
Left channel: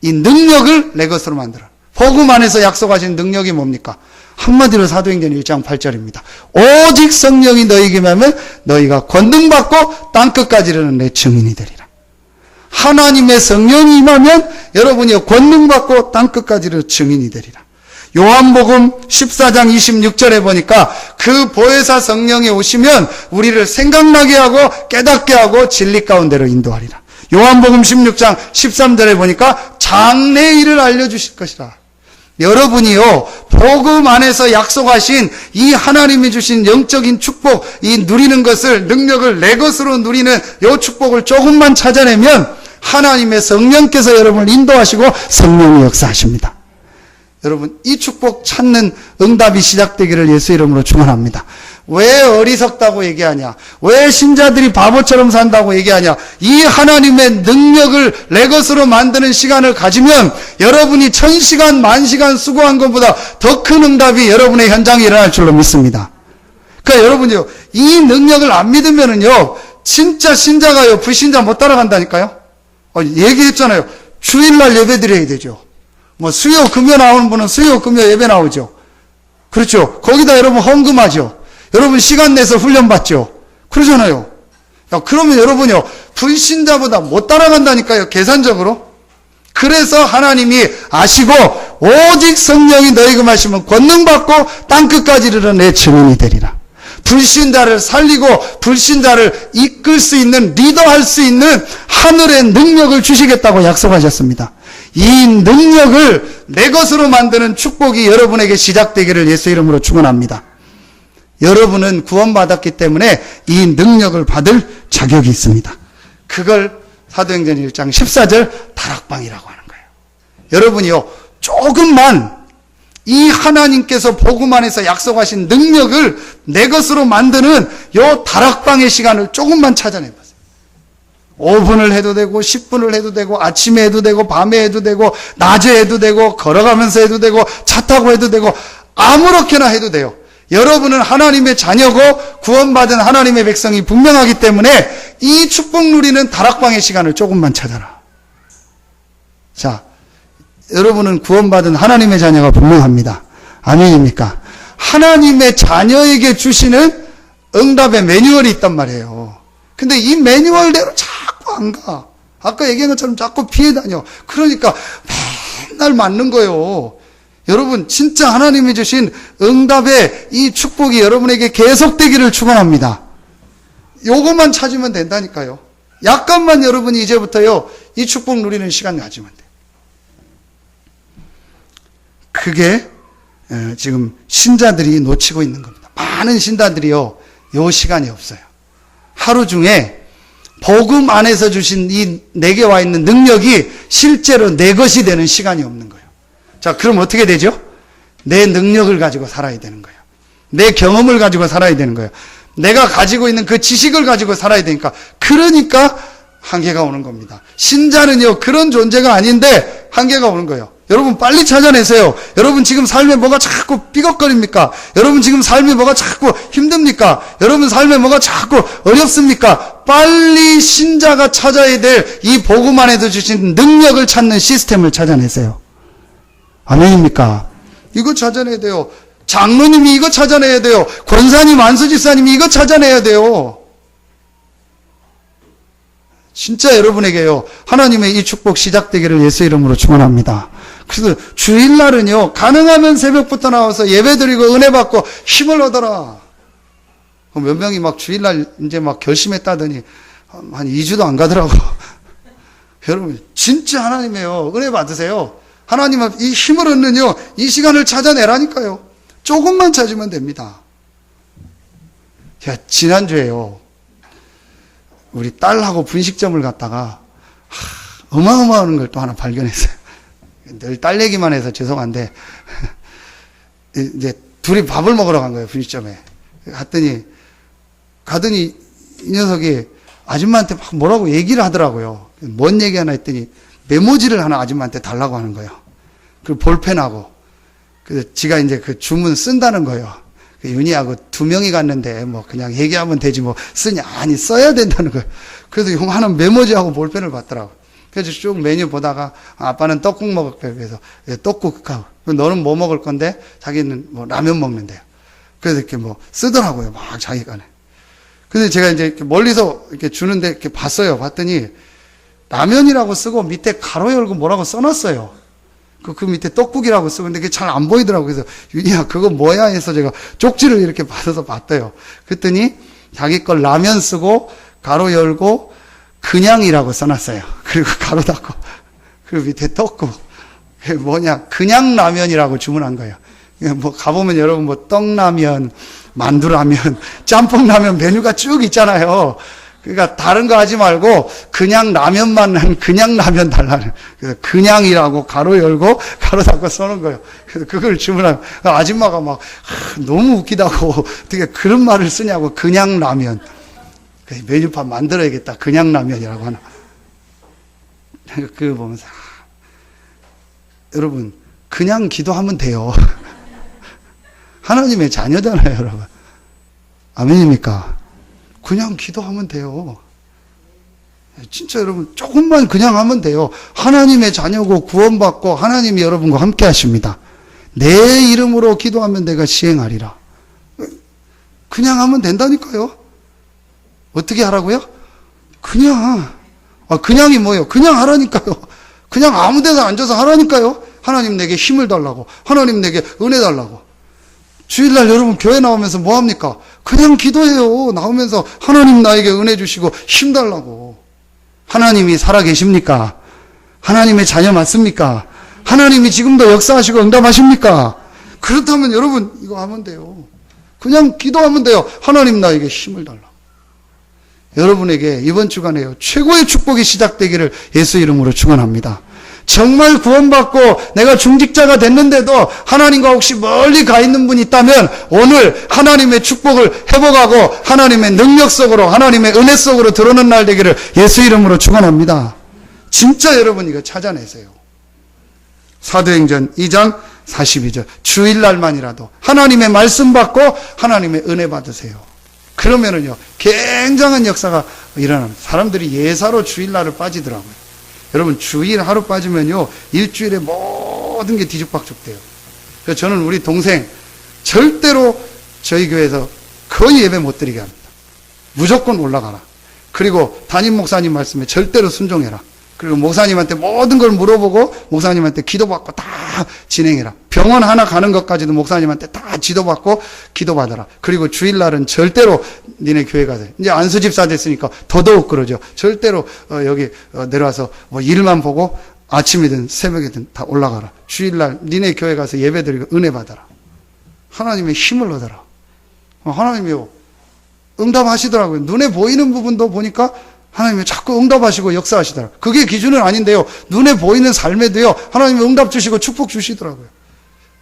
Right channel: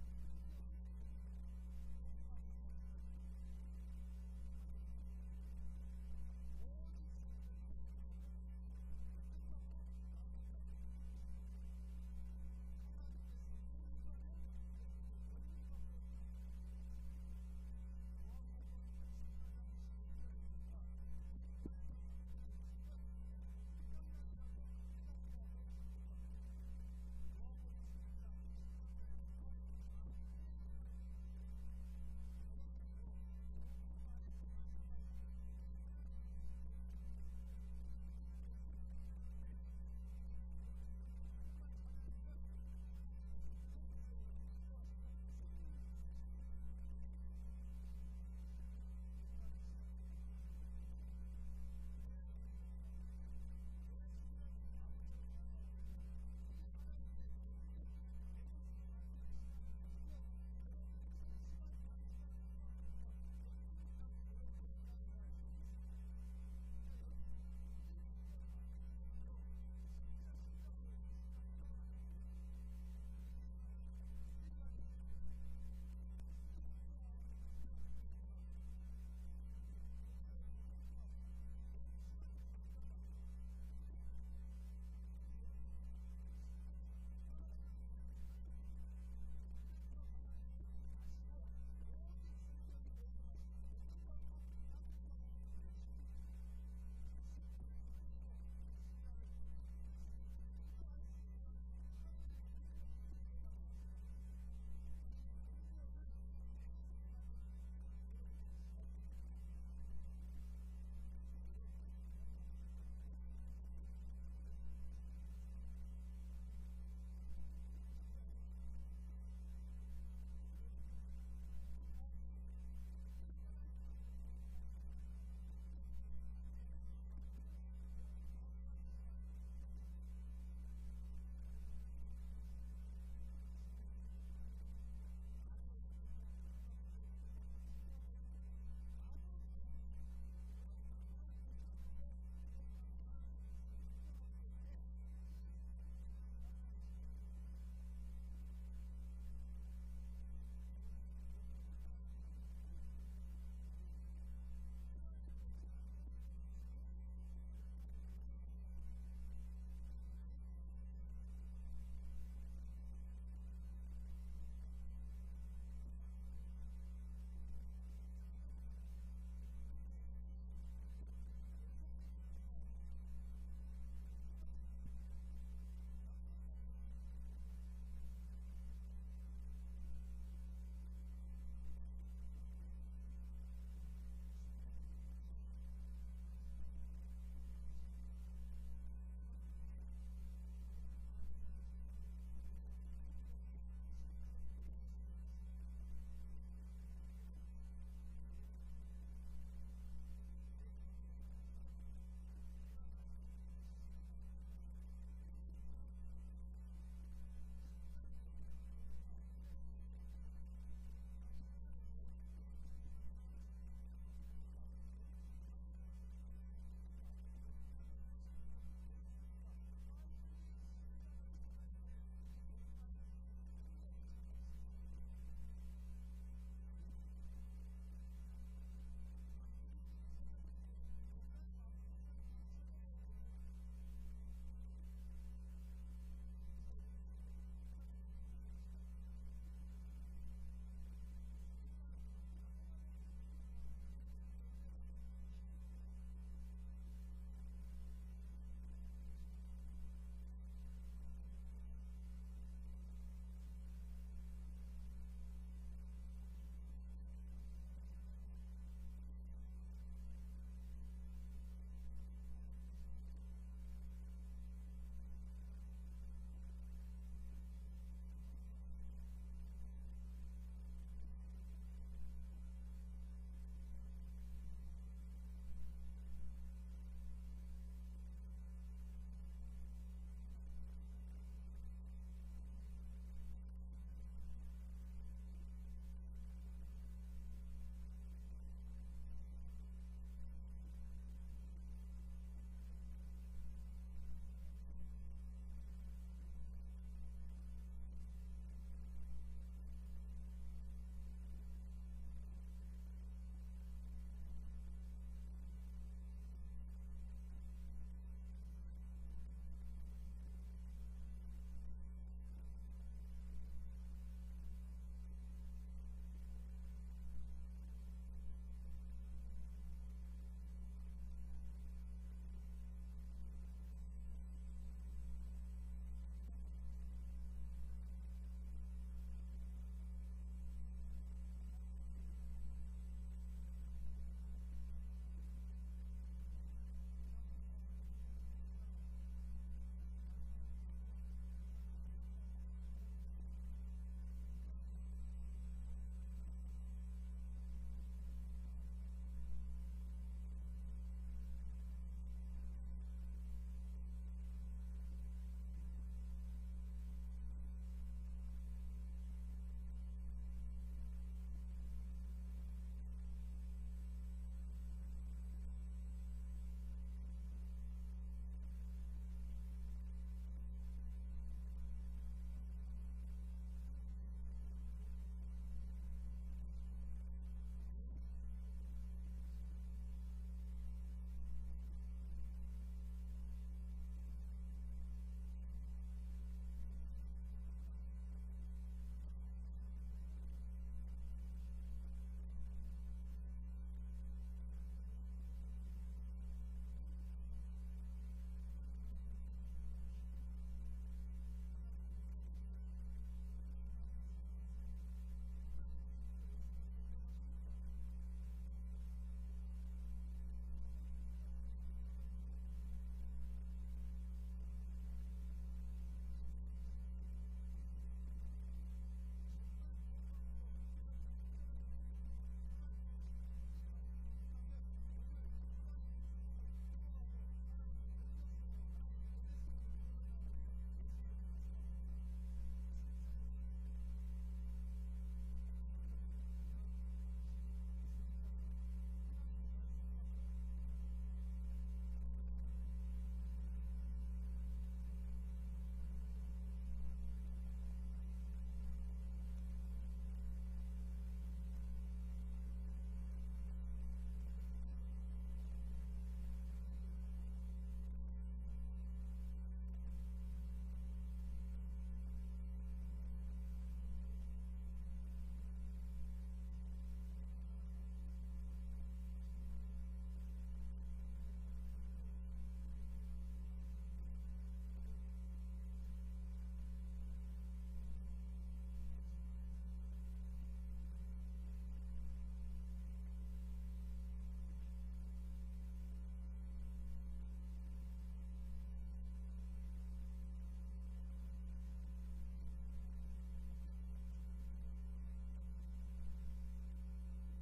이 능력을 내 것으로 만들어. 복음 안에서 약속하신 능력이 뭡니까? 한마디로 사도행전 1장 8절입니다. 오직 성령이 너희에게 임하면 너희가 권능받고 땅끝까지 이르는 내 증인이 되리라. 하나님의 성령이 임하면 여러분이 권능받고 땅끝까지 이르는 증인이 되리라. 요한복음 14장 26절에 보니까 그 보혜사 성령이 오시면 우리를 생각나게 하고 깨닫게 하고 진리 가운데로 인도하리라. 요한복음 16장 13절에 보니까 장래의 일을 알려주실 것이라. 여러분이요 복음 안에서 약속하신 이 하나님이 주신 영적인 축복 이 누리는 것을 능력을 내 것으로 누리는 이 축복을 조금만 찾아내면 하나님의 성령께서 여러분을 인도하시고 성령이 역사하십니다. 여러분 이 축복 찾는 응답이 시작되기를 예수 이름으로 축원합니다. 왜 어리석다고 얘기하냐? 왜 신자들이 바보처럼 산다고 얘기하냐? 이 하나님의 능력을 내 것으로 만드는 시간을 가지면 여러분이 1000시간, 10,000시간 수고한 것보다 더 큰 응답이 여러분의 현장에 일어날 줄로 믿습니다. 그러니까 여러분이요, 이 능력을 안 믿으면은요, 진짜 신자가요, 불신자 못 따라간다니까요? 얘기했잖아요. 주일날 예배 드려야 되죠. 뭐 수요, 금요 나오는 분은 수요, 금요 예배 나오죠. 그렇죠. 거기다 여러분 헌금하죠. 여러분 시간 내서 훈련 받죠. 그러잖아요. 야, 그러면 여러분요 불신자보다 못 따라간다니까요. 계산적으로. 그래서 하나님이 아시고 오직 성령이 너희가 마시면 권능받고 땅끝까지 이르러 내 증인이 되리라. 불신자를 살리고 불신자를 이끌 수 있는 리더할 수 있는 하늘의 능력을 주시겠다고 약속하셨습니다. 이 능력을 내 것으로 만드는 축복이 여러분에게 시작되기를 예수 이름으로 축원합니다. 여러분은 구원받았기 때문에 이 능력을 받을 자격이 있습니다. 그걸 사도행전 1장 14절 다락방이라고 하는 거예요. 여러분이요, 조금만 이 하나님께서 복음 안에서 약속하신 능력을 내 것으로 만드는 요 다락방의 시간을 조금만 찾아내보세요. 5분을 해도 되고 10분을 해도 되고 아침에 해도 되고 밤에 해도 되고 낮에 해도 되고 걸어가면서 해도 되고 차 타고 해도 되고 아무렇게나 해도 돼요. 여러분은 하나님의 자녀고 구원받은 하나님의 백성이 분명하기 때문에 이 축복 누리는 다락방의 시간을 조금만 찾아라. 자, 여러분은 구원받은 하나님의 자녀가 분명합니다. 아멘입니까? 하나님의 자녀에게 주시는 응답의 매뉴얼이 있단 말이에요. 근데 이 매뉴얼대로 자꾸 안 가. 아까 얘기한 것처럼 자꾸 피해 다녀. 그러니까 맨날 맞는 거예요. 여러분, 진짜 하나님이 주신 응답의 이 축복이 여러분에게 계속되기를 축원합니다. 요것만 찾으면 된다니까요. 약간만 여러분이 이제부터요, 이 축복 누리는 시간 가지면 돼요. 그게 지금 신자들이 놓치고 있는 겁니다. 많은 신자들이요, 요 시간이 없어요. 하루 중에 복음 안에서 주신 이 내게 와 있는 능력이 실제로 내 것이 되는 시간이 없는 거예요. 자, 그럼 어떻게 되죠? 내 능력을 가지고 살아야 되는 거예요. 내 경험을 가지고 살아야 되는 거예요. 내가 가지고 있는 그 지식을 가지고 살아야 되니까. 그러니까 한계가 오는 겁니다. 신자는요, 그런 존재가 아닌데 한계가 오는 거예요. 여러분 빨리 찾아내세요. 여러분 지금 삶에 뭐가 자꾸 삐걱거립니까? 여러분 지금 삶이 뭐가 자꾸 힘듭니까? 여러분 삶에 뭐가 자꾸 어렵습니까? 빨리 신자가 찾아야 될 이 복음 안에서 주신 능력을 찾는 시스템을 찾아내세요. 아멘입니까? 이거 찾아내야 돼요. 장로님이 이거 찾아내야 돼요. 권사님, 안수집사님이 이거 찾아내야 돼요. 진짜 여러분에게요, 하나님의 이 축복 시작되기를 예수 이름으로 축원합니다. 그래서 주일날은요, 가능하면 새벽부터 나와서 예배드리고 은혜 받고 힘을 얻어라. 몇 명이 막 주일날 이제 막 결심했다더니 한 2주도 안 가더라고. 여러분 진짜 하나님이에요. 은혜 받으세요. 하나님은 이 힘을 얻는요, 이 시간을 찾아내라니까요. 조금만 찾으면 됩니다. 야, 지난주에요, 우리 딸하고 분식점을 갔다가 어마어마한 걸 또 하나 발견했어요. 늘 딸 얘기만 해서 죄송한데 이제 둘이 밥을 먹으러 간 거예요, 분식점에. 가더니 이 녀석이 아줌마한테 막 뭐라고 얘기를 하더라고요. 뭔 얘기 하나 했더니 메모지를 하나 아줌마한테 달라고 하는 거예요. 그 볼펜하고. 그래서 지가 이제 그 주문 쓴다는 거예요. 윤희하고 2명이 갔는데 뭐 그냥 얘기하면 되지 뭐 쓰냐. 아니, 써야 된다는 거예요. 그래서 용하는 메모지하고 볼펜을 받더라고. 그래서 쭉 메뉴 보다가 아빠는 떡국 먹을 거예요. 그래서 떡국하고 너는 뭐 먹을 건데? 자기는 뭐 라면 먹는데요. 그래서 이렇게 뭐 쓰더라고요. 막 자기가. 근데 제가 이제 이렇게 멀리서 이렇게 주는데 이렇게 봤어요. 봤더니 라면이라고 쓰고 밑에 가로 열고 뭐라고 써놨어요. 그 밑에 떡국이라고 쓰고, 근데 그게 잘 안 보이더라고요. 그래서 윤희야, 그거 뭐야? 해서 제가 쪽지를 이렇게 받아서 봤대요. 그랬더니 자기 걸 라면 쓰고 가로 열고 그냥이라고 써놨어요. 그리고 가로 닫고, 그리고 밑에 떡국. 그게 뭐냐, 그냥 라면이라고 주문한 거예요. 뭐 가보면 여러분 뭐 떡라면, 만두라면, 짬뽕라면 메뉴가 쭉 있잖아요. 그러니까 다른 거 하지 말고 그냥 라면만 한 그냥 라면 달라는. 그래서 그냥이라고 가로 열고 가로 닫고 써놓은 거예요. 그래서 그걸 주문하면 아줌마가 막 너무 웃기다고 어떻게 그런 말을 쓰냐고. 그냥 라면. 메뉴판 만들어야겠다. 그냥 라면이라고 하나. 그거 보면서 여러분 그냥 기도하면 돼요. 하나님의 자녀잖아요, 여러분. 아멘입니까? 그냥 기도하면 돼요. 진짜 여러분 조금만 그냥 하면 돼요. 하나님의 자녀고 구원받고 하나님이 여러분과 함께 하십니다. 내 이름으로 기도하면 내가 시행하리라. 그냥 하면 된다니까요. 어떻게 하라고요? 그냥. 그냥이 뭐예요? 그냥 하라니까요. 그냥 아무 데나 앉아서 하라니까요. 하나님 내게 힘을 달라고. 하나님 내게 은혜 달라고. 주일날 여러분 교회 나오면서 뭐 합니까? 그냥 기도해요. 나오면서 하나님 나에게 은혜 주시고 힘 달라고. 하나님이 살아계십니까? 하나님의 자녀 맞습니까? 하나님이 지금도 역사하시고 응답하십니까? 그렇다면 여러분 이거 하면 돼요. 그냥 기도하면 돼요. 하나님 나에게 힘을 달라. 여러분에게 이번 주간에요, 최고의 축복이 시작되기를 예수 이름으로 축원합니다. 정말 구원받고 내가 중직자가 됐는데도 하나님과 혹시 멀리 가 있는 분이 있다면 오늘 하나님의 축복을 회복하고 하나님의 능력 속으로, 하나님의 은혜 속으로 들어오는 날 되기를 예수 이름으로 축원합니다. 진짜 여러분 이거 찾아내세요. 사도행전 2장 42절 주일날만이라도 하나님의 말씀 받고 하나님의 은혜 받으세요. 그러면은요 굉장한 역사가 일어납니다. 사람들이 예사로 주일날을 빠지더라고요. 여러분 주일 하루 빠지면요 일주일에 모든 게 뒤죽박죽 돼요. 그래서 저는 우리 동생 절대로 저희 교회에서 거의 예배 못 드리게 합니다. 무조건 올라가라. 그리고 담임 목사님 말씀에 절대로 순종해라. 그리고 목사님한테 모든 걸 물어보고 목사님한테 기도받고 다 진행해라. 병원 하나 가는 것까지도 목사님한테 다 지도받고 기도받아라. 그리고 주일날은 절대로 니네 교회 가세요. 이제 안수집사 됐으니까 더더욱 그러죠. 절대로 여기 내려와서 뭐 일만 보고 아침이든 새벽이든 다 올라가라. 주일날 니네 교회 가서 예배드리고 은혜 받아라. 하나님의 힘을 얻어라. 하나님이요 응답하시더라고요. 눈에 보이는 부분도 보니까 하나님이 자꾸 응답하시고 역사하시더라고요. 그게 기준은 아닌데요. 눈에 보이는 삶에도요. 하나님이 응답 주시고 축복 주시더라고요.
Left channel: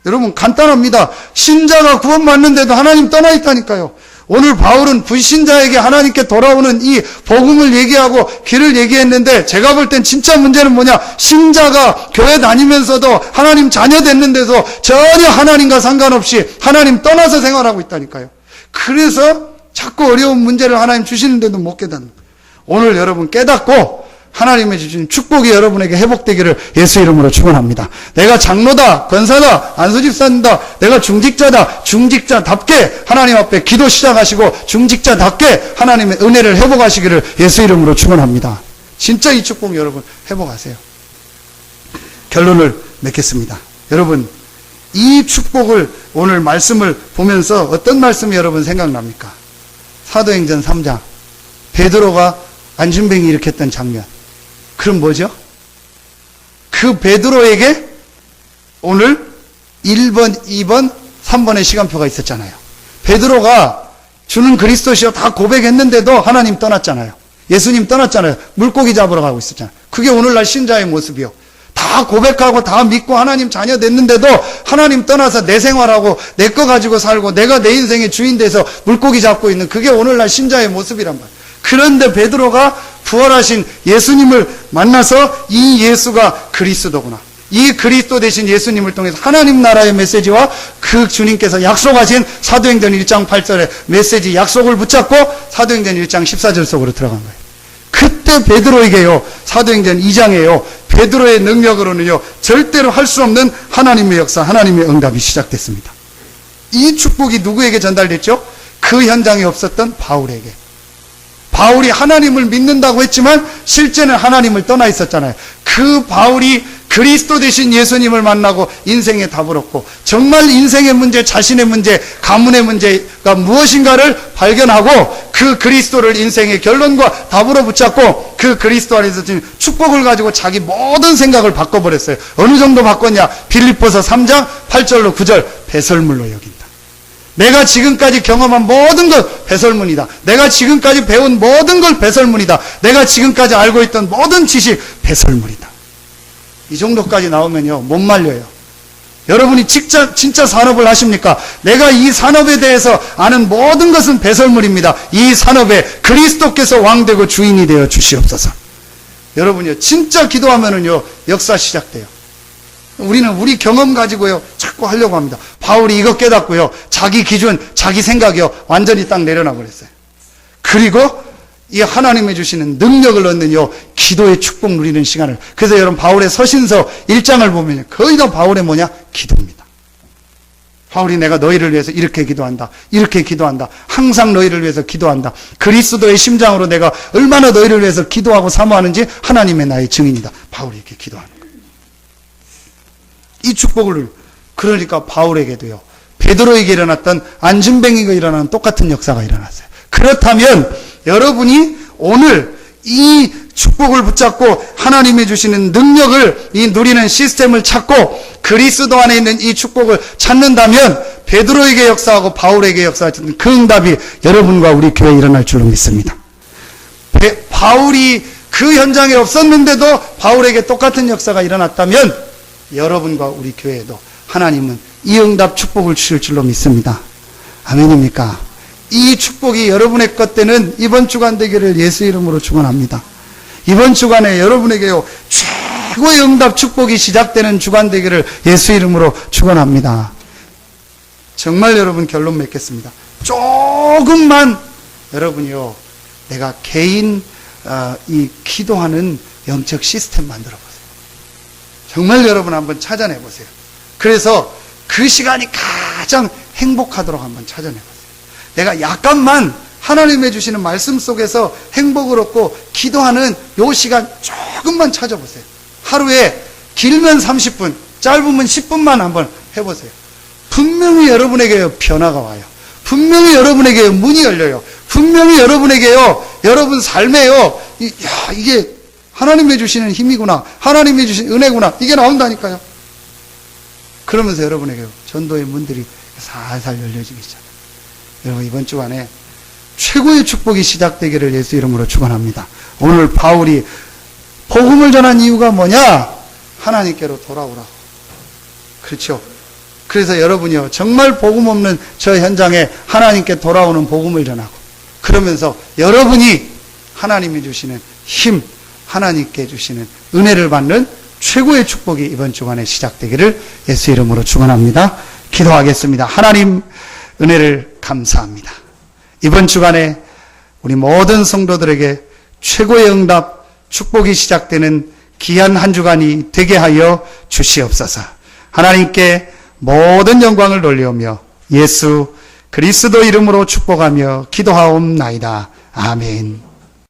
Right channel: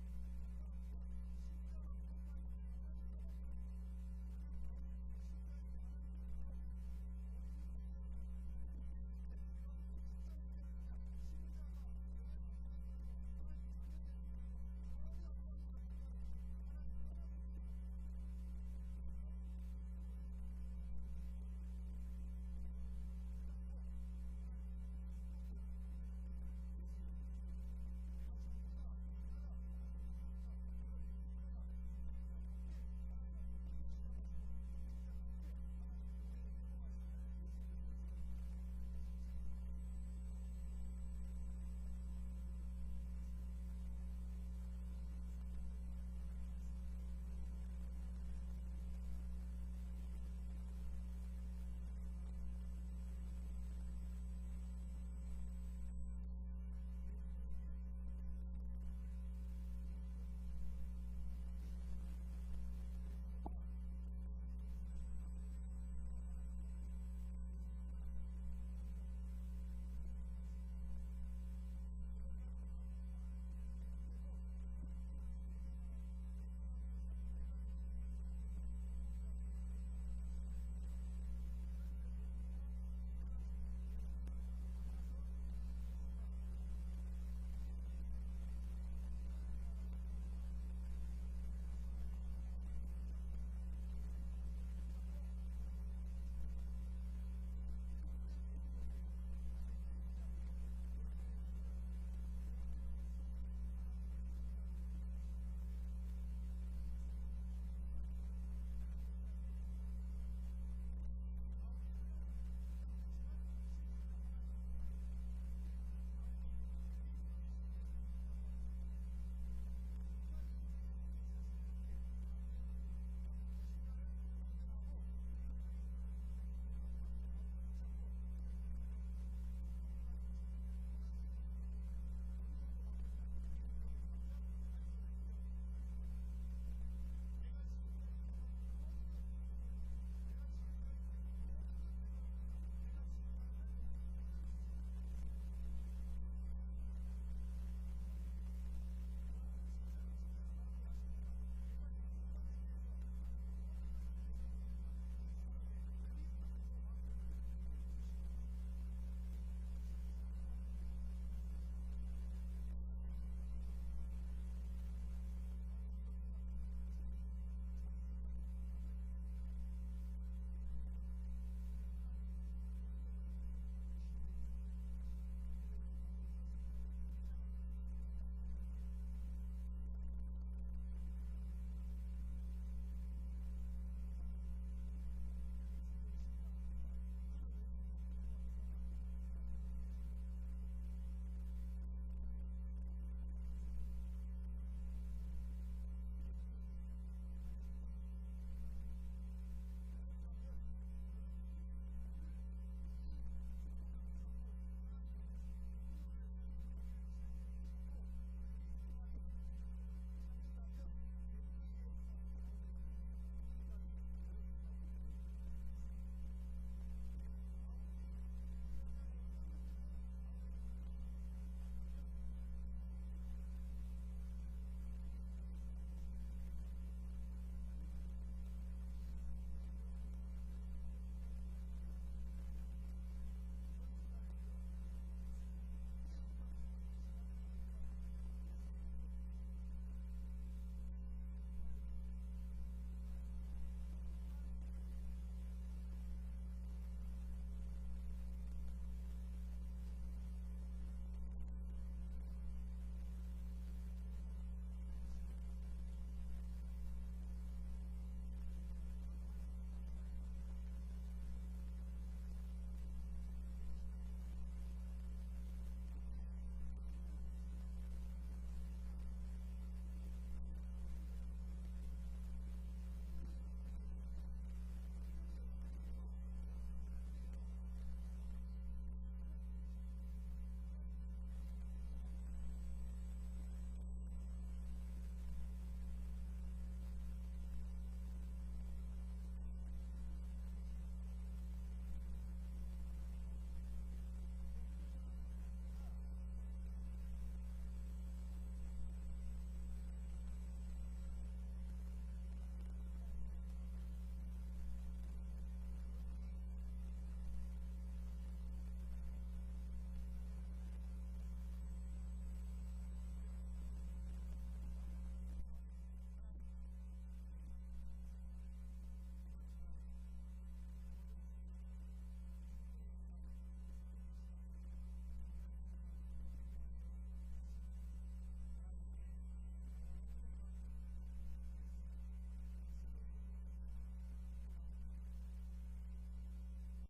여러분 간단합니다. 신자가 구원받는데도 하나님 떠나 있다니까요. 오늘 바울은 불신자에게 하나님께 돌아오는 이 복음을 얘기하고 길을 얘기했는데 제가 볼 땐 진짜 문제는 뭐냐. 신자가 교회 다니면서도 하나님 자녀 됐는데도 전혀 하나님과 상관없이 하나님 떠나서 생활하고 있다니까요. 그래서 자꾸 어려운 문제를 하나님 주시는데도 못 깨닫는 거예요. 오늘 여러분 깨닫고 하나님의 주신 축복이 여러분에게 회복되기를 예수 이름으로 축원합니다. 내가 장로다, 권사다, 안수집사다, 내가 중직자다, 중직자답게 하나님 앞에 기도 시작하시고 중직자답게 하나님의 은혜를 회복하시기를 예수 이름으로 축원합니다. 진짜 이 축복 여러분 회복하세요. 결론을 맺겠습니다. 여러분 이 축복을 오늘 말씀을 보면서 어떤 말씀이 여러분 생각납니까? 사도행전 3장 베드로가 안진뱅이 일으켰던 장면. 그럼 뭐죠? 그 베드로에게 오늘 1번, 2번, 3번의 시간표가 있었잖아요. 베드로가 주는 그리스도시여 다 고백했는데도 하나님 떠났잖아요. 예수님 떠났잖아요. 물고기 잡으러 가고 있었잖아요. 그게 오늘날 신자의 모습이요. 다 고백하고 다 믿고 하나님 자녀 됐는데도 하나님 떠나서 내 생활하고 내 거 가지고 살고 내가 내 인생의 주인 돼서 물고기 잡고 있는 그게 오늘날 신자의 모습이란 말이에요. 그런데 베드로가 부활하신 예수님을 만나서 이 예수가 그리스도구나. 이 그리스도 되신 예수님을 통해서 하나님 나라의 메시지와 그 주님께서 약속하신 사도행전 1장 8절의 메시지 약속을 붙잡고 사도행전 1장 14절 속으로 들어간 거예요. 그때 베드로에게요, 사도행전 2장에요, 베드로의 능력으로는요, 절대로 할 수 없는 하나님의 역사, 하나님의 응답이 시작됐습니다. 이 축복이 누구에게 전달됐죠? 그 현장에 없었던 바울에게. 바울이 하나님을 믿는다고 했지만 실제는 하나님을 떠나 있었잖아요. 그 바울이 그리스도 되신 예수님을 만나고 인생의 답을 얻고 정말 인생의 문제, 자신의 문제, 가문의 문제가 무엇인가를 발견하고 그 그리스도를 인생의 결론과 답으로 붙잡고 그 그리스도 안에서 지금 축복을 가지고 자기 모든 생각을 바꿔버렸어요. 어느 정도 바꿨냐? 빌립보서 3장 8절로 9절 배설물로 여긴다. 내가 지금까지 경험한 모든 것 배설문이다. 내가 지금까지 배운 모든 걸 배설문이다. 내가 지금까지 알고 있던 모든 지식 배설물이다. 이 정도까지 나오면요 못 말려요. 여러분이 진짜 산업을 하십니까? 내가 이 산업에 대해서 아는 모든 것은 배설물입니다. 이 산업에 그리스도께서 왕되고 주인이 되어 주시옵소서. 여러분이요 진짜 기도하면은요 역사 시작돼요. 우리는 우리 경험 가지고요 자꾸 하려고 합니다. 바울이 이거 깨닫고요 자기 기준, 자기 생각이요 완전히 딱 내려놔 버렸어요. 그리고 이 하나님이 주시는 능력을 얻는요 기도의 축복 누리는 시간을. 그래서 여러분 바울의 서신서 1장을 보면 거의 다 바울의 뭐냐? 기도입니다. 바울이 내가 너희를 위해서 이렇게 기도한다, 이렇게 기도한다, 항상 너희를 위해서 기도한다, 그리스도의 심장으로 내가 얼마나 너희를 위해서 기도하고 사모하는지 하나님의 나의 증인이다. 바울이 이렇게 기도하는 거예요. 이 축복을, 그러니까 바울에게도요 베드로에게 일어났던 안진뱅이가 일어나는 똑같은 역사가 일어났어요. 그렇다면 여러분이 오늘 이 축복을 붙잡고 하나님이 주시는 능력을 이 누리는 시스템을 찾고 그리스도 안에 있는 이 축복을 찾는다면 베드로에게 역사하고 바울에게 역사했던 그 응답이 여러분과 우리 교회에 일어날 줄로 믿습니다. 바울이 그 현장에 없었는데도 바울에게 똑같은 역사가 일어났다면 여러분과 우리 교회에도 하나님은 이 응답 축복을 주실 줄로 믿습니다. 아멘입니까? 이 축복이 여러분의 것 되는 이번 주간 되기를 예수 이름으로 축원합니다. 이번 주간에 여러분에게요 최고의 응답 축복이 시작되는 주간 되기를 예수 이름으로 축원합니다. 정말 여러분 결론 맺겠습니다. 조금만 여러분이요 내가 개인 이 기도하는 영적 시스템 만들어 보세요. 정말 여러분 한번 찾아내 보세요. 그래서 그 시간이 가장 행복하도록 한번 찾아내 보세요. 내가 약간만 하나님의 주시는 말씀 속에서 행복을 얻고 기도하는 요 시간 조금만 찾아보세요. 하루에 길면 30분, 짧으면 10분만 한번 해보세요. 분명히 여러분에게 변화가 와요. 분명히 여러분에게 문이 열려요. 분명히 여러분에게요, 여러분 삶에요, 이게 하나님이 주시는 힘이구나, 하나님이 주신 은혜구나, 이게 나온다니까요. 그러면서 여러분에게 전도의 문들이 살살 열려지기 시작해요. 여러분 이번 주간에 최고의 축복이 시작되기를 예수 이름으로 축원합니다. 오늘 바울이 복음을 전한 이유가 뭐냐? 하나님께로 돌아오라고. 그렇죠? 그래서 여러분이요 정말 복음 없는 저 현장에 하나님께 돌아오는 복음을 전하고 그러면서 여러분이 하나님이 주시는 힘, 하나님께 주시는 은혜를 받는 최고의 축복이 이번 주간에 시작되기를 예수 이름으로 축원합니다. 기도하겠습니다. 하나님 은혜를 감사합니다. 이번 주간에 우리 모든 성도들에게 최고의 응답, 축복이 시작되는 귀한 한 주간이 되게 하여 주시옵소서. 하나님께 모든 영광을 돌리오며 예수 그리스도 이름으로 축복하며 기도하옵나이다. 아멘.